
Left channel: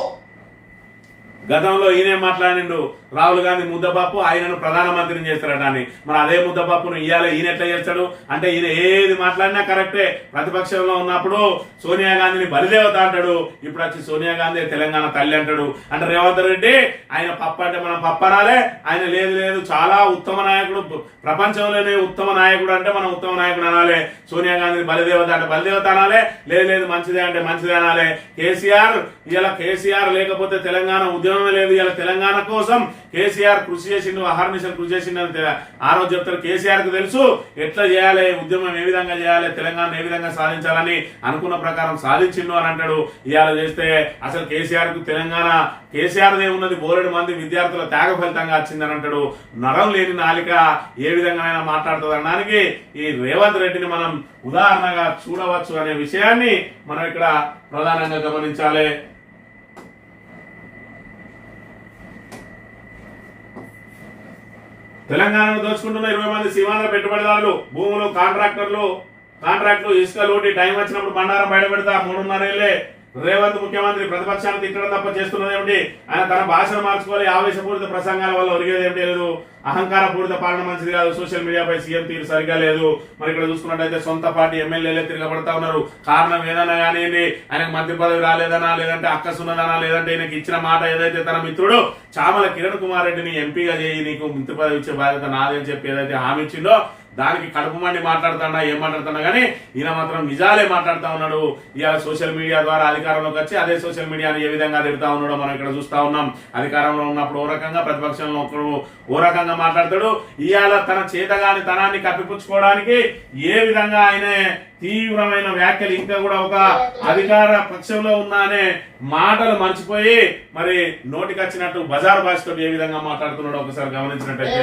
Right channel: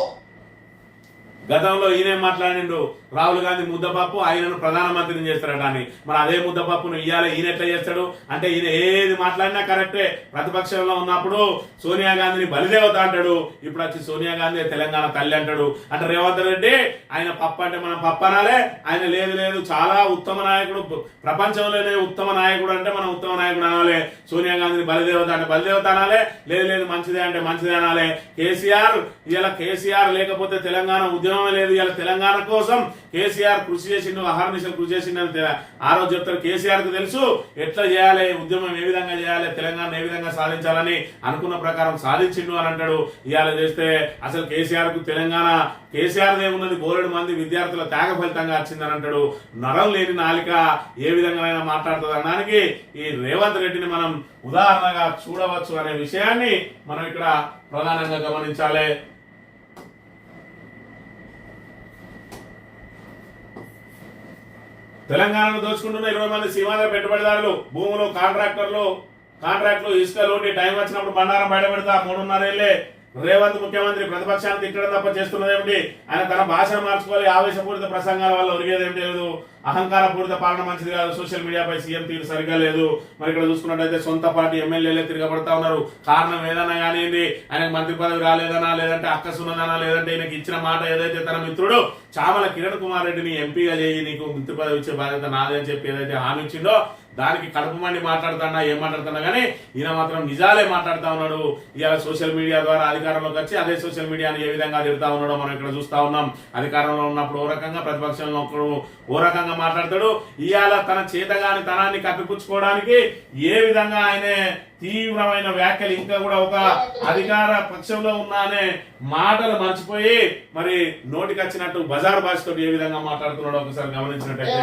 గతంలో ఈయన మాట్లాడిండు, రాహుల్ గాంధీ ముద్దపప్పు ఆయనను ప్రధానమంత్రిని చేస్తారట అని. మరి అదే ముద్దపప్పును ఇవాళ ఈయన ఎట్లా చేస్తాడు అంటే, ఈయన ఏది మాట్లాడినా కరెక్టే. ప్రతిపక్షంలో ఉన్నప్పుడు సోనియా గాంధీని బలిదేవత అంటాడు, ఇప్పుడు వచ్చి సోనియా గాంధీ తెలంగాణ తల్లి అంటాడు. అంటే రేవంత్ రెడ్డి ఆయన పప్పు అంటే మనం పప్పు అనాలే, ఆయన లేదు చాలా ఉత్తమ నాయకుడు, ప్రపంచంలోనే ఉత్తమ నాయకుడు అంటే మనం ఉత్తమ నాయకుడు అనాలి. సోనియా గాంధీని బలిదేవత అంటే బలిదేవత అనాలి, లేదు మంచిదే అంటే మంచిదే అనాలి. కేసీఆర్ లేకపోతే తెలంగాణ ఉద్యమమే లేదు. ఇలా తెలంగాణ కోసం కేసీఆర్ కృషి చేసిండు, అహర్నిశలు కృషి చేసిండు అని ఆ రోజు చెప్తారు. కేసీఆర్ కు తెలుసు ఎట్లా చేయాలి, ఉద్యమం ఏ విధంగా చేయాలి, తెలంగాణ ఏ విధంగా సాధించాలని అనుకున్న ప్రకారం సాధించిండు అని అంటాడు. ఇవాళ చేస్తే అసలు కేసీఆర్ దే ఉన్నది బోలెడు మంది విద్యార్థుల త్యాగ ఫలితంగా వచ్చిందని అంటాడు. నరం లేని నాలిక ఏ విధంగా మాట్లాడుతుంది అనడానికి ఈ రేవంత్ రెడ్డిని మనం ఉదాహరణగా చూడవచ్చు అనే విషయాన్ని మనం ఇక్కడ ప్రధానంగా గమనించాలి. తెలంగాణను దోచుకుంటున్న 20 మంది సీమాంధ్ర పెట్టుబడిదారులు, భూములు, కాంట్రాక్టులు ఇసుక లోటి టైం వచ్చినప్పుడు బండారం బయటపెడతా 3.5 ఏళ్లే. రేవంత్ ముఖ్యమంత్రి ప్రతిపక్షాన్ని తిట్టడం తప్ప చేస్తున్నది ఏమిటి? ఆయన తన భాషను మార్చుకోవాలి. ఆవేశపూరిత ప్రసంగాల వల్ల ఒరిగేది ఏమిటి లేదు. అహంకారపూరిత పాలన మంచిది కాదు. సోషల్ మీడియాపై సీఎం తీరు సరిగా లేదు. మరి ఇక్కడ చూసుకున్నట్టయితే సొంత పార్టీ ఎమ్మెల్యేలే తిరగబడతా ఉన్నారు. కారణం ఏదన్నా కానివ్వండి, ఆయనకు మంత్రి పదవి రాలేదనా, లేదంటే అక్కసున్నదనా, లేదంటే ఈయనకి ఇచ్చిన మాట ఏదైతే తన మిత్రుడు చామల కిరణ్ కుమార్ రెడ్డిని ఎంపీగా చేయి, నీకు మంత్రి పదవి ఇచ్చే బాధ్యత నాదే అని చెప్పి ఏదైతే హామీ ఇచ్చిండో దానికి కడుపు మండి మాట్లాడుతున్నా ఏం మాట్లాడుతున్నా కానీ ఈయన మాత్రం నిజాలే మాట్లాడుతూ ఉన్నాడు. ఇవాళ సోషల్ మీడియా ద్వారా అధికారంలోకి వచ్చి అదే సోషల్ మీడియాని ఏ విధంగా తిడతా ఉన్నాడో మనం ఇక్కడ చూస్తా ఉన్నాం. అధికారంలో ఉన్నప్పుడు ఓ రకంగా, ప్రతిపక్షంలో ఓ రకంగా మాట్లాడతాడు. ఇవాళ తన చేతగాని తనాన్ని కప్పిపుచ్చుకోవడానికి ఏ విధంగా ఆయన తీవ్రమైన వ్యాఖ్యలు, ఇంకా కూడా ఒక అధికార పక్షంలో ఉన్నా అనే మాటలు మర్చిపోయి మరి నోటికి వచ్చినట్టు బజారు భాషతో ఏ విధంగా మాట్లాడుతున్నాడో ఒకసారి గమనించినట్టయితే,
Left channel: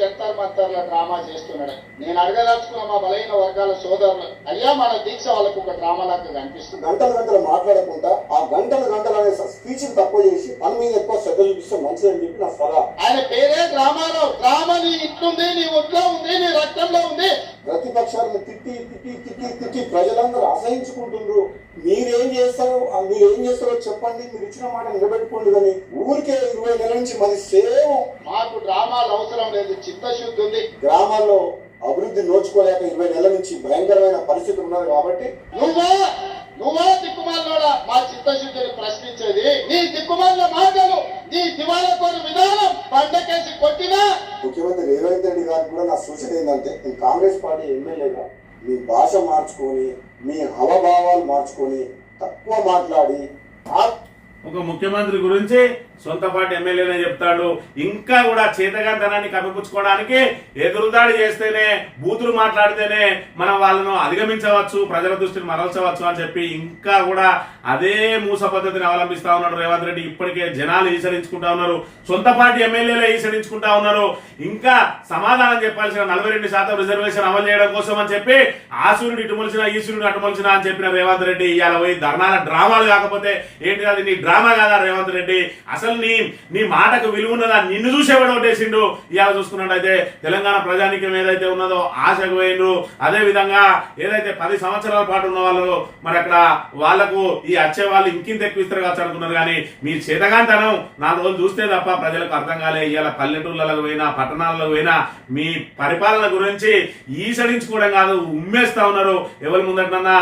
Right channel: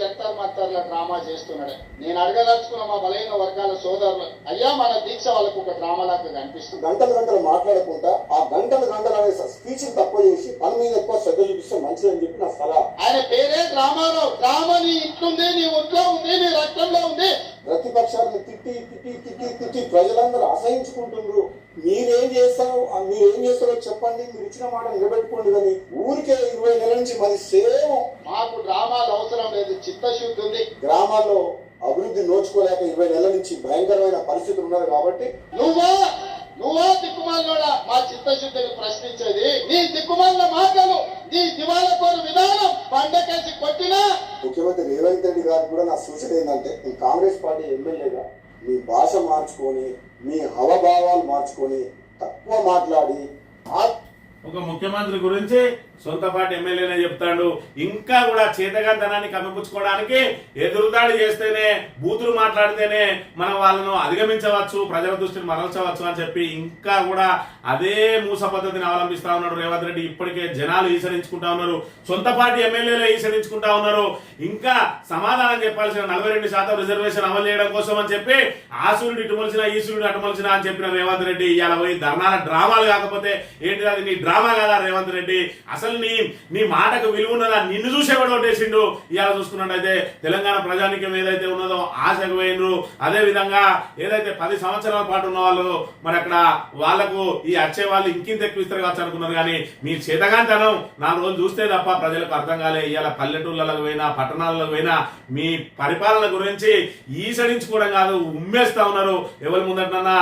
జంతర్ మంతర్ల డ్రామా చేస్తున్నాడు. నేను అడగదలుచుకున్న మా బలహీన వర్గాల సోదరులు, అయ్యా మన దీక్ష వాళ్ళకు ఒక డ్రామాలాగా కనిపిస్తుంది. గంటలు మాట్లాడకుండా ఆ గంటలు అనే స్పీచ్ తక్కువ చేసి పని మీద ఎక్కువ శ్రద్ధ చూపిస్తే మంచిదని చెప్పి నా సలహా. ఆయన పేరే డ్రామాలో. డ్రామా నీ ఇంట్లో నీ ఒంట్లో ఉంది, నీ రక్తంలో ఉంది. ప్రతిపక్షాలను తిట్టి ప్రజలందరూ అసహించుకుంటున్నారు. మీరేం చేస్తారో చెప్పండి, మీరు ఇచ్చిన మాట నిలబెట్టుకోండి. కానీ ఊరికే 20 నెలల నుంచి మరి సేమ్ మాకు డ్రామాలు అవసరం లేదు, చిత్తశుద్ధి ఉంది. గ్రామాల్లో అభివృద్ధి నోచుకోలేక 20 నెలల నుంచి భయంకరమైన పరిస్థితులు ఉన్నారు. కాబట్టి నువ్వా దిక్కుమాలోడా మా చిత్తశుద్ధిని ప్రశ్నించేది? నీ దిక్కుమాల మాటలు, నీ దివాళకోరు విధానం పండకేసి కొట్టినా. ముఖ్యమంత్రి రేవంత్ రెడ్డి గారికి కూడా నా సూచన ఏంటంటే, ఈ కాంగ్రెస్ పార్టీ ఎమ్మెల్యేగా మీ భాష మార్చుకొని, మీ హవభావాలు మార్చుకొని, తక్కువ మాట్లాడి ఒక ముఖ్యమంత్రి గురించి సొంత పార్టీ ఎమ్మెల్యేనే చెప్తాడు. ఇంకా కూడా చేతగాంతనాన్ని కప్పిపుచ్చుకోవడానికి ఎదురుదాడి చేస్తేనే, బూతులు మాట్లాడితేనే మనం వాళ్ళను అధిగమించవచ్చు, ప్రజల దృష్టిని మరల్చవచ్చు అని చెప్పి ఇంకా కూడా అదే మూస పద్ధతిని అవలంబిస్తా ఉన్నాడు రేవంత్ రెడ్డి. ఇప్పటికే జనాలు ఈసరించుకుంటా ఉన్నారు, సొంత పార్టీ ఎమ్మెల్యేలే ఈసరించుకుంటా ఉన్నారు. ఇంకా సమాధానం చెప్పాల్సిన 42% రిజర్వేషన్ అమలు చేయడం కోసం అని చెప్పి ఆ సూర్యుడు ఇటు మొలిచినా ఈ సూర్యుడు అటు మొలిచినా అని చెప్పిన రేవంత్ రెడ్డి ఇవాళ పోయి ధర్నాల డ్రామాలు కాకపోతే ఏంటి, అది నీ డ్రామా కదా రేవంత్ రెడ్డి? అసలు నీ మాటకు విలువ ఉన్నదా? నిన్ను చూసేవాడు ఓటేసిండు. ఇవాళ చూసుకున్నట్టయితే తెలంగాణ ప్రజానికం ఏదైతే ఉన్నదో ఆశకు పోయినరు. అదే విధంగా ఏదైతే 10 సంవత్సరాల పాటు ఉన్న వాళ్ళు మరి అక్కడ వాళ్లకు ఈ వచ్చే వాళ్ళు ఇంకింత ఎక్కువ ఇస్తారు కావచ్చు అనుకున్నారు. కానీ మీ చేతగాంతనం 4 రోజులు చూస్తే తప్ప ప్రజలకు అర్థం కాలే. ఇవాళ పల్లెటూళ్ళకు పోయినా, పట్టణాలలో పోయినా మీ పరిపాలన గురించి ఈసడించుకోవడం కాదు, ఉమ్మేస్తా ఉన్నారు. ఎవరి ముందటన్నా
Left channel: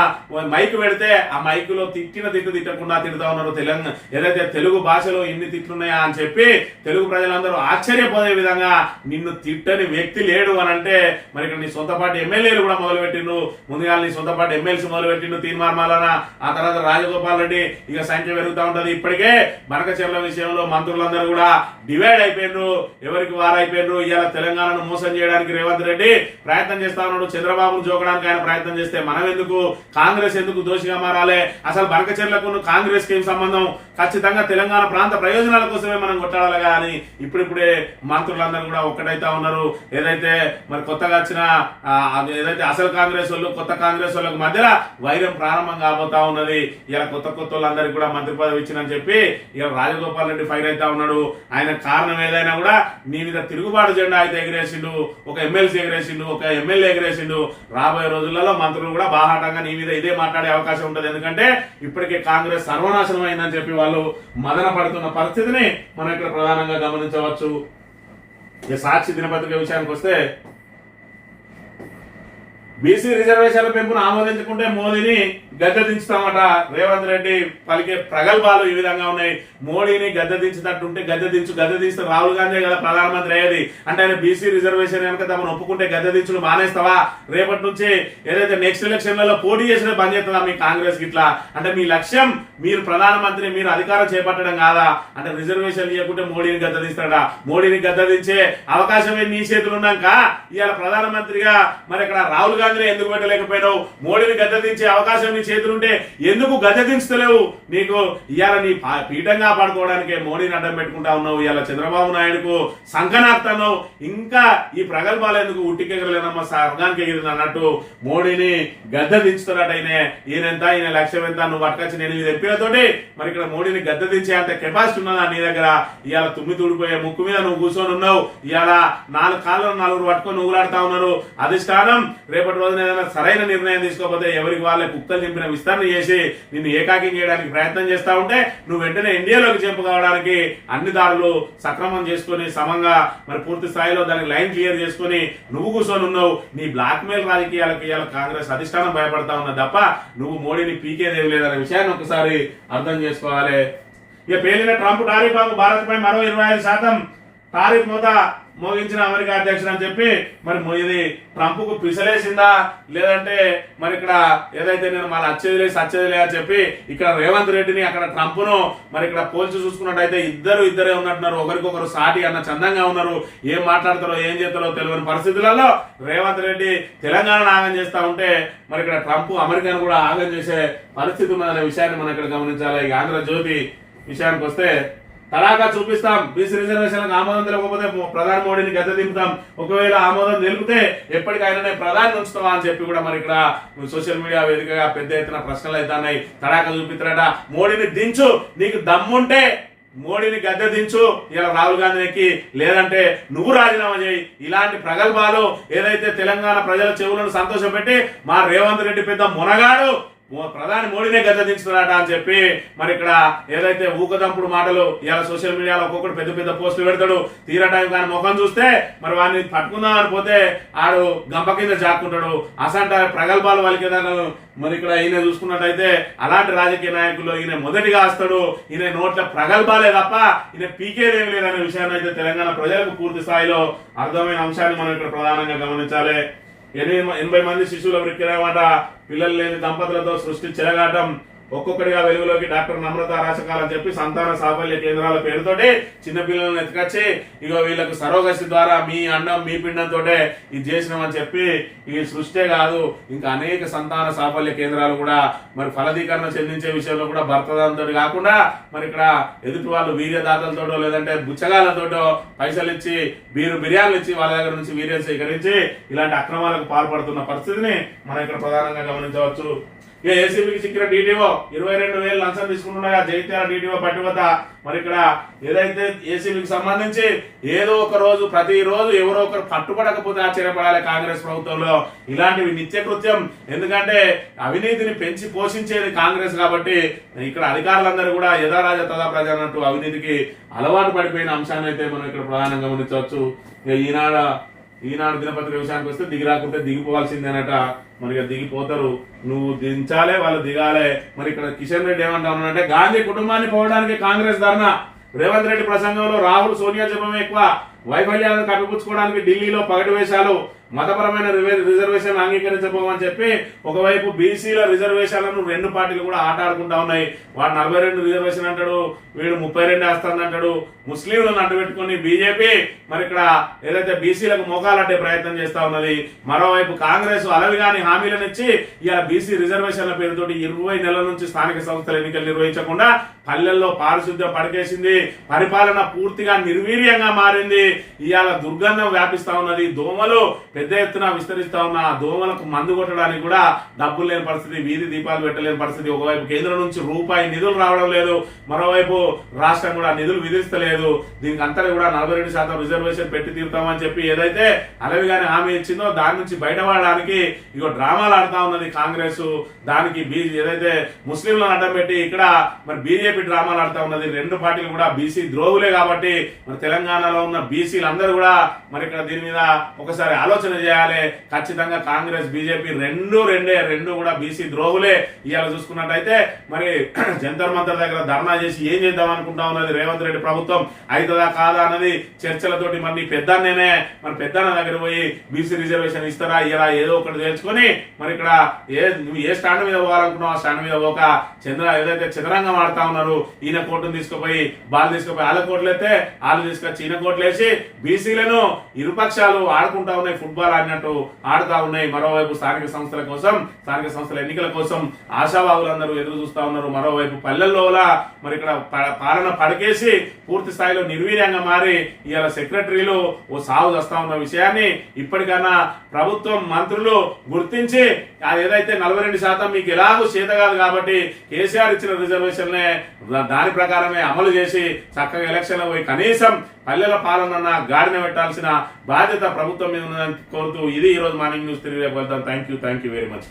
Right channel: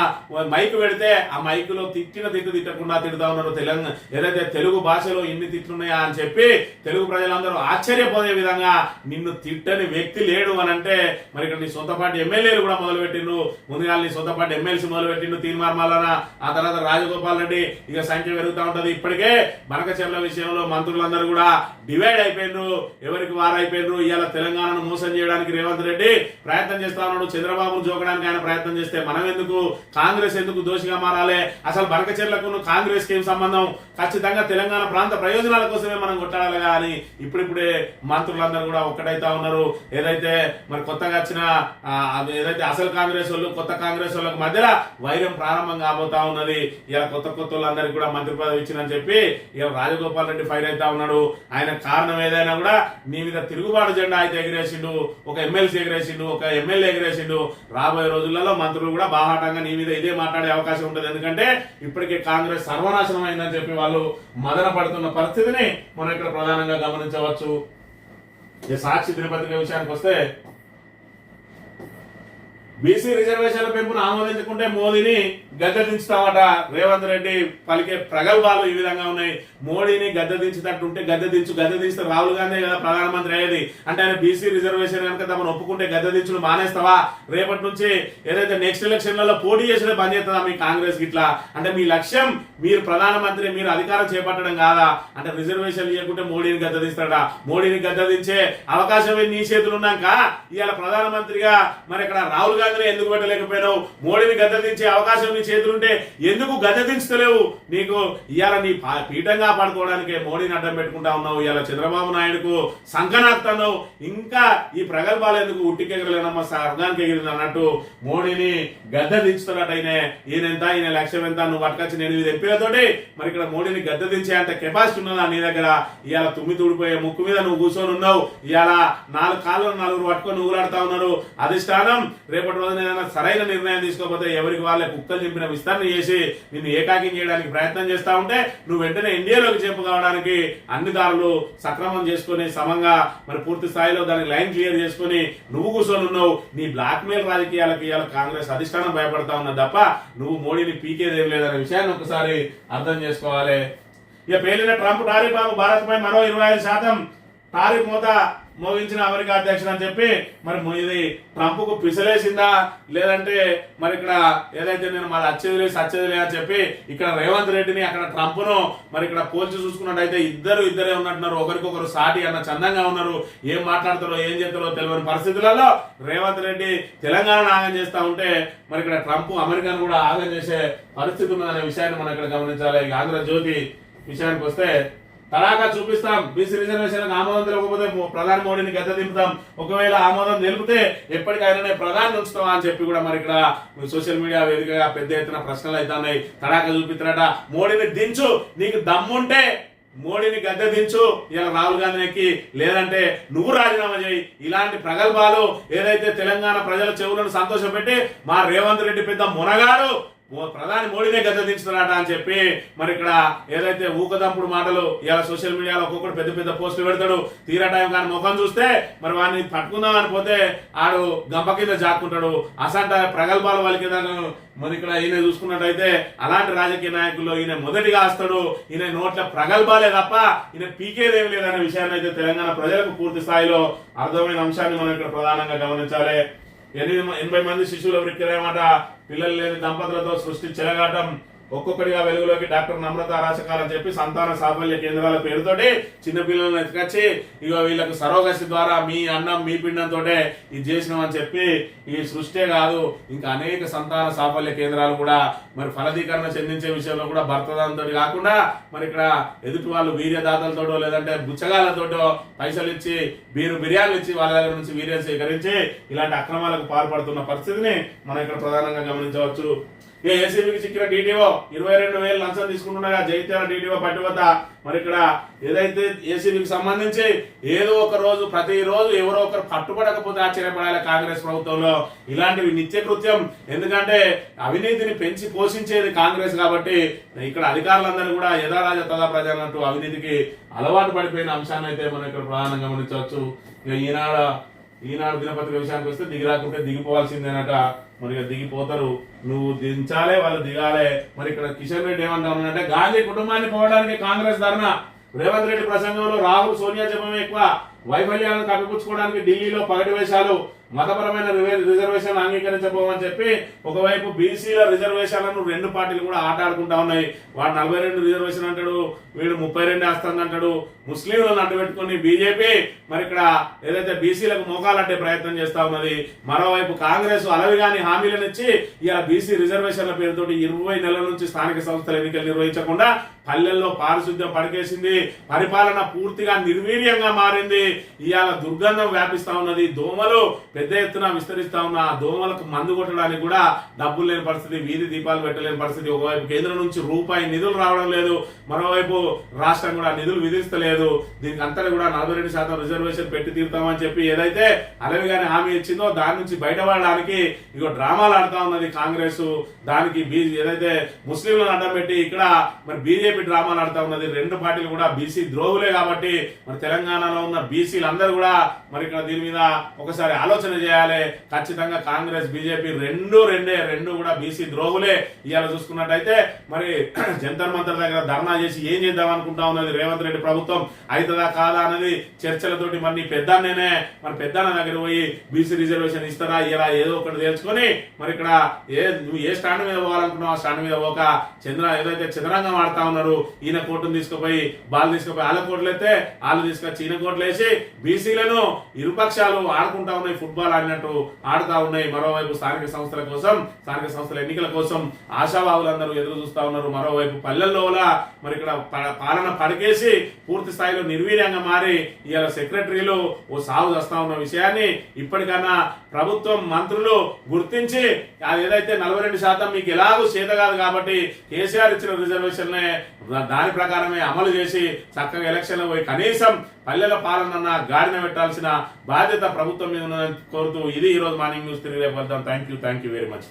మైకు పెడితే ఆ మైకులో తిట్టు తిట్టకుండా తిడుతా ఉన్నారు. తెలంగాణ ఏదైతే తెలుగు భాషలో ఇన్ని తిట్లున్నాయా అని చెప్పి తెలుగు ప్రజలందరూ ఆశ్చర్యపోయే విధంగా నిన్ను తిట్టని వ్యక్తి లేడు అని అంటే మరి ఇక్కడ నీ సొంత పార్టీ ఎమ్మెల్యేలు కూడా మొదలుపెట్టిండ్రు. ముందుగా నీ సొంత పార్టీ ఎమ్మెల్సీ మొదలుపెట్టిండు తీర్మార్మాలన, ఆ తర్వాత రాజగోపాల్ రెడ్డి, ఇక సంఖ్య పెరుగుతూ ఉంటది. ఇప్పటికే బనకచెర్ల విషయంలో మంత్రులందరూ కూడా డివైడ్ అయిపోయినరు, ఎవరికి వారైపోయినరు. ఇవాళ తెలంగాణను మోసం చేయడానికి రేవంత్ రెడ్డి ప్రయత్నం చేస్తా ఉన్నాడు. చంద్రబాబును జోకడానికి ఆయన ప్రయత్నం చేస్తే మనం ఎందుకు, కాంగ్రెస్ ఎందుకు దోషిగా మారాలి? అసలు బనకచెర్లకు కాంగ్రెస్ కి ఏం సంబంధం? ఖచ్చితంగా తెలంగాణ ప్రాంత ప్రయోజనాల కోసమే మనం కొట్టాడాలి. కానీ ఇప్పుడిప్పుడే మంత్రులందరూ కూడా ఒక్కటైతా ఉన్నారు. ఏదైతే మరి కొత్తగా వచ్చిన ఏదైతే అసలు కాంగ్రెస్ వాళ్ళు, కొత్త కాంగ్రెస్ వాళ్ళకి మధ్యలో వైరం ప్రారంభం కాబోతా ఉన్నది. ఇలా కొత్త వాళ్ళందరికీ కూడా మంత్రి పదవి ఇచ్చినని చెప్పి ఇలా రాజగోపాల్ రెడ్డి ఫైర్ అవుతా ఉన్నాడు. ఆయన కారణం ఏదైనా కూడా నీ మీద తిరుగుబాటు జెండా అయితే ఎగిరేసిండు, ఒక ఎమ్మెల్సీ ఎగిరేసిండు, ఒక ఎమ్మెల్యే ఎగిరేసిండు. రాబోయే రోజులలో మంత్రులు కూడా బాహాటంగా నీ మీద ఇదే మాట్లాడే అవకాశం ఉంటుంది. ఎందుకంటే ఇప్పటికే కాంగ్రెస్ సర్వనాశనం అయిందని చెప్పి వాళ్ళు మదన పడుతున్న పరిస్థితిని మనం ఇక్కడ ప్రధానంగా గమనించవచ్చు. ఈ సాక్షి దినపత్రిక విషయానికి వస్తే, బీసీ రిజర్వేషన్ల పెంపును ఆమోదించుకుంటే మోదీని గద్దె దించుతామట రేవంత్ రెడ్డి పలికే ప్రగల్భాలు ఈ విధంగా ఉన్నాయి. మోడీని గద్దె దించుతట్టుంటే గద్దె దించితే రాహుల్ గాంధీ కదా ప్రధానమంత్రి అయ్యేది. అంటే ఆయన బీసీ రిజర్వేషన్ కనుక తమను ఒప్పుకుంటే గద్దె దించుడు మానేస్తావా? రేపటి నుంచి ఏదైతే నెక్స్ట్ ఎలక్షన్లలో పోటీ చేసిన బంద్ చేస్తుందా మీ కాంగ్రెస్ ఇట్లా? అంటే మీ లక్ష్యం మీరు ప్రధానమంత్రి, మీరు అధికారం చేపట్టడం కాదా? అంటే రిజర్వేషన్ ఇవ్వకుంటే మోడీని గద్దె దిస్తాడా? మోడీని గద్దె దించే అవకాశమే నీ చేతులు ఉన్నాక ఇవాళ ప్రధానమంత్రిగా మరి ఇక్కడ రాహుల్ గాంధీ ఎందుకు పెట్టలేకపోయినావు? మోడీని గద్దె దించే అవకాశం నీ చేతులుంటే ఎందుకు గద్దె దించలేవు? నీకు ఇవాళ నీ పీఠంగా కాపాడుకోవడానికి మోడీని అడ్డం పెట్టుకుంటా ఉన్నావు. ఇవాళ చంద్రబాబు నాయుడుకు సంకనాక్తావు. ఇంకా ఈ ప్రగల్భాలు ఎందుకు? ఉట్టికెగరలేనమ్మా స్వర్గానికి ఎగిరింది అన్నట్టు మోడీని గద్దె దించుతున్నట్టు ఈయనెంత, ఈయన లక్ష్యం ఎంత, నువ్వు పట్టుకొచ్చి 8 ఎంపీలతోటి మరి ఇక్కడ మోడీని గద్దె దించే అంత కెపాసిటీ ఉన్నదా నీ దగ్గర? ఇవాళ తుమ్మి తుడిపోయే ముక్కు మీద నువ్వు కూర్చొని ఉన్నావు. ఇవాళ 4 కాళ్ళను 4 పట్టుకొని నువ్వులాడుతా ఉన్నారు. అధిష్టానం రేపటి రోజున ఏదైనా సరైన నిర్ణయం తీసుకోకపోతే ఎవరికి వాళ్ళే కుక్కలు నింపిన విస్తరణ చేసి నిన్ను ఏకాకి చేయడానికి ప్రయత్నం చేస్తా ఉంటే నువ్వు వెంటనే ఇండియాలోకి చేపు కావడానికి అన్ని దారులు సక్రమం చేసుకుని సమంగా మరి పూర్తి స్థాయిలో దానికి లైన్ క్లియర్ చేసుకుని నువ్వు కూర్చొని ఉన్నావు. నీ బ్లాక్ మెయిల్ రాజకీయాలకు ఇవాళ కాంగ్రెస్ అధిష్టానం భయపడతా ఉన్నది తప్ప నువ్వు మోడీని పీకేదేవి లేదనే విషయాన్ని ఒకసారి అర్థం చేసుకోవాలి. ఇక పేలిన ట్రంప్ టారిఫ్ భారత్ పై మరో 25% టారిఫ్ మోగించిన అమెరికా అధ్యక్షుడు అని చెప్పి మరి ఇది ట్రంప్ కు పిసలేసిందా లేదంటే మరి ఇక్కడ ఏదైతే నేను మళ్ళీ సచ్చేదిలే అని చెప్పి ఇక్కడ రేవంత్ రెడ్డిని అక్కడ ట్రంప్ ను మరి ఇక్కడ పోల్చి చూసుకున్నట్టయితే ఇద్దరే ఉన్నట్టున్నారు. ఒకరికొకరు సాటి అన్న చందంగా ఉన్నారు. ఏం మాట్లాడతారో ఏం చేస్తారో తెలియని పరిస్థితులలో రేవంత్ రెడ్డి తెలంగాణ ఆగం చేస్తా ఉంటే మరి ఇక్కడ ట్రంప్ అమెరికాను కూడా ఆగం చేసే పరిస్థితి ఉన్నదనే విషయాన్ని మనం ఇక్కడ గమనించాలి. ఆంధ్రజ్యోతి విషయానికి వస్తే తడాకా చూపిస్తాం, బీసీ రిజర్వేషన్లకు ఆమోదం తెలియకపోతే ప్రధాని మోడీని గద్దె దింపుతాం, ఒకవేళ ఆమోదం తెలిపితే ఎప్పటికైనా ప్రధాని ఉంచుతావా అని చెప్పి కూడా మరి ఇక్కడ సోషల్ మీడియా వేదికగా పెద్ద ఎత్తున ప్రశ్నలు అవుతున్నాయి. తడాకా చూపిస్తారట, మోడీని దించు, నీకు దమ్ముంటే మోడీని గద్దె దించు, ఇలా రాహుల్ గాంధీకి, లేదంటే నువ్వు రాజీనామా చేయి. ఇలాంటి ప్రగల్భాలు ఏదైతే తెలంగాణ ప్రజల చెవులను సంతోషపెట్టి మా రేవంత్ రెడ్డి పెద్ద మునగాడు, ప్రధాని మోడీనే గద్దెదించుతున్నారట అని చెప్పి మరి ఇక్కడ ఏదైతే ఊకదంపుడు మాటలు ఇలా సోషల్ మీడియాలో ఒక్కొక్కటి పెద్ద పెద్ద పోస్టులు పెడతాడు. తీరా టైం కానీ ముఖం చూస్తే మరి వాడిని పట్టుకుందాం అని పోతే ఆడు గంప కింద జాక్కుంటాడు. అసంట ప్రగల్భాలు వాళ్ళకేదాకా మరి ఇక్కడ ఈయన చూసుకున్నట్టయితే అలాంటి రాజకీయ నాయకుల్లో ఈయన మొదటిగా వస్తాడు. ఈయన నోట్ల ప్రగల్భాలే తప్ప ఈయన పీకేదేం లేదనే విషయాన్ని అయితే తెలంగాణ ప్రజలకు పూర్తి స్థాయిలో అర్థమైన అంశాన్ని మనం ఇక్కడ ప్రధానంగా గమనించాలి. 80 మంది శిశువుల వృక్కిరేమాట పిల్లలు లేని దంపతులతో సృష్టి చెలగాటం. ఒక్కొక్కటిగా వెలుగులోకి డాక్టర్ నమ్రత రాచకాలని చెప్పి సంతాన సాఫల్య కేంద్రాల పేరుతోటి చిన్నపిల్లలను ఎత్తుకొచ్చి ఇక వీళ్ళకు సరోగసి ద్వారా మీ అన్నం మీ పిండంతో ఇది చేసినామని చెప్పి ఈ సృష్టే కాదు ఇంకా అనేక సంతాన సాఫల్య కేంద్రాలు కూడా మరి ఫలదీకరణ చెందించే విషయంలో కూడా భర్తదాంతో కాకుండా మరి ఇక్కడ ఎదుటి వాళ్ళు వీర్యదాతలతోటో లేదంటే బుచ్చగాళ్ళతోటో పైసలు ఇచ్చి బిర్యానీలు ఇచ్చి వాళ్ళ దగ్గర నుంచి వీర్యం సేకరించి ఇలాంటి అక్రమాలకు పాల్పడుతున్న పరిస్థితిని మనం ఇక్కడ ప్రధానంగా గమనించవచ్చు. ఏసీబీకి చిక్కిన డీటీఓ 22,000 లంచం తీసుకుంటుండగా జైత్యాల డీటీఓ పట్టివత మరి ఇక్కడ ఏదైతే ఏసీబీకి సంబంధించి ఏదో ఒక రోజు ప్రతిరోజు ఎవరో ఒకరు పట్టుబడకపోతే ఆశ్చర్యపడాలి కాంగ్రెస్ ప్రభుత్వంలో. ఇలాంటివి నిత్యకృత్యం. ఎందుకంటే అవినీతిని పెంచి పోషించేది కాంగ్రెస్ కాబట్టి ఇక్కడ అధికారులందరూ కూడా యథారాజ తదా ప్రజ అన్నట్టు అవినీతికి అలవాటు పడిపోయిన అంశాన్ని అయితే మనం ఇక్కడ ప్రధానంగా గమనించవచ్చు. ఈనాడు దినపత్రిక విషయానికి వస్తే దిగిరాకుంటే దిగిపోవాల్సిందేనట. మరి దిగిపోతారు, నువ్వు దించాలే వాళ్ళు దిగాలే. మరి ఇక్కడ కిషన్ రెడ్డి ఏమంటా ఉన్నాడంటే గాంధీ కుటుంబాన్ని పోవడానికి కాంగ్రెస్ ధర్నా. రేవంత్ రెడ్డి ప్రసంగంలో రాహుల్ సోనియా జపమే ఎక్కువ. వైఫల్యాలను కప్పిపుచ్చుకోవడానికి ఢిల్లీలో పగటి వేషాలు. మతపరమైన రిజర్వేషన్లు అంగీకరించబోమని చెప్పి ఒకవైపు బీసీల రిజర్వేషన్లను 2 పార్టీలు కూడా ఆట ఆడుకుంటా ఉన్నాయి. వాడు 42 రిజర్వేషన్ అంటాడు, వీడు 32 వేస్తానంటాడు. ముస్లింలను అడ్డుపెట్టుకుని బీజేపీ మరి ఇక్కడ ఏదైతే బీసీలకు మోకాలంటే ప్రయత్నం చేస్తా ఉన్నది. మరోవైపు కాంగ్రెస్ అలవిగాని హామీలను ఇచ్చి ఇలా బీసీ రిజర్వేషన్ల పేరుతోటి 20 నెలల నుంచి స్థానిక సంస్థల ఎన్నికలు నిర్వహించకుండా పల్లెల్లో పారిశుద్ధ్యం పడికేసింది. పరిపాలన పూర్తిగా నిర్వీర్యంగా మారింది. ఇవాళ దుర్గంధం వ్యాపిస్తా ఉన్నది. దోమలు పెద్ద ఎత్తున విస్తరిస్తా ఉన్న దోమలకు మందు కొట్టడానికి కూడా డబ్బులు లేని పరిస్థితి, వీధి దీపాలు పెట్టలేని పరిస్థితి. ఒకవైపు కేంద్రం నుంచి రూపాయి నిధులు రావడం లేదు, మరోవైపు రాష్ట్రం కూడా నిధులు విధిస్తలేదు. దీనికి అంతా కూడా 42% రిజర్వేషన్ పెట్టి తీరుతామని చెప్పి ఏదైతే అలవిగానే హామీ ఇచ్చిందో దాని నుంచి బయటపడడానికి ఇగో డ్రామాలు ఆడుతా ఉన్నది కాంగ్రెస్. దానికి ఏదైతే ముస్లింలను అడ్డం పెట్టి ఇక్కడ మరి బీజేపీ డ్రామాలు ఆడుతా ఉన్నది. 2 పార్టీలు కూడా బీసీ ద్రోహులే కాబట్టి మరి తెలంగాణలో ఉన్న బీసీలందరూ కూడా మరి ఇక్కడ దీని మీద ఒకసారి ఆలోచన చేయాలి. ఖచ్చితంగా కాంగ్రెస్ బీజేపీ రెండు కూడా బీసీ ద్రోహులే. ఇవాళ చూసుకున్నట్టయితే మరి జంతర్ మంతర్ దగ్గర ధర్నా చేసి ఏం చేద్దాం అనుకుంటా ఉన్నది రేవంత్ రెడ్డి ప్రభుత్వం. అవుతుందా కాదా అన్నది చర్చలతోటి మరి పెద్దన్నేనే మరి పెద్దన్న దగ్గర పోయి బీసీ రిజర్వేషన్ ఇస్తారా ఇలా ఏదో ఒకటి తెలుసుకొని మరి ఇక్కడ నువ్వు ఏ స్టాండ్ మీద పోవాలనుకున్నావు ఆ స్టాండ్ మీద పోక ఏదైతే చదరంగం ఆడుతా ఉన్నారు. ఈయన కోర్టును తీసుకుపోయి వాళ్ళ కోట్లు అయితే వాళ్ళు తీసుకొచ్చి ఈయన కోట్లు వేసి బీసీలను ఇరుపక్షాలు ఆడుకుంటా ఉన్నాయి. ఫుట్బాల్ ఆడినట్టు ఆడుతా ఉన్నాయి. మరోవైపు స్థానిక సంస్థల ఎన్నికల కోసం ఆశావాహులందరూ ఎదురు చూస్తా ఉన్నారు. మరోవైపు పల్లెల్లో మరి ఇక్కడ పాలన పడికేసి పూర్తి స్థాయిలో నిర్వీర్యంగా మారి ఇవాళ సెక్రటరీలు ఓ సాగు చేస్తా ఉన్న విషయాన్ని ఇప్పటికన్నా ప్రభుత్వం మంత్రులు గుర్తించి అది ఏదైతే 42% మీకు ఎలాగూ చేత కాదు కాబట్టి కేసీఆర్ ఇచ్చిన రిజర్వేషన్లే దాని ప్రకారమే అమలు చేసి చక్కగా ఎలక్షన్లో పోయి కనీసం పల్లెల పాలన గాడిన పెట్టాల్సిన బాధ్యత ప్రభుత్వం మీద ఉందని కోరుతూ ఇది ఈ రోజు మార్నింగ్ న్యూస్. తిరిగి రేపు వెళ్తాం. Thank you very much.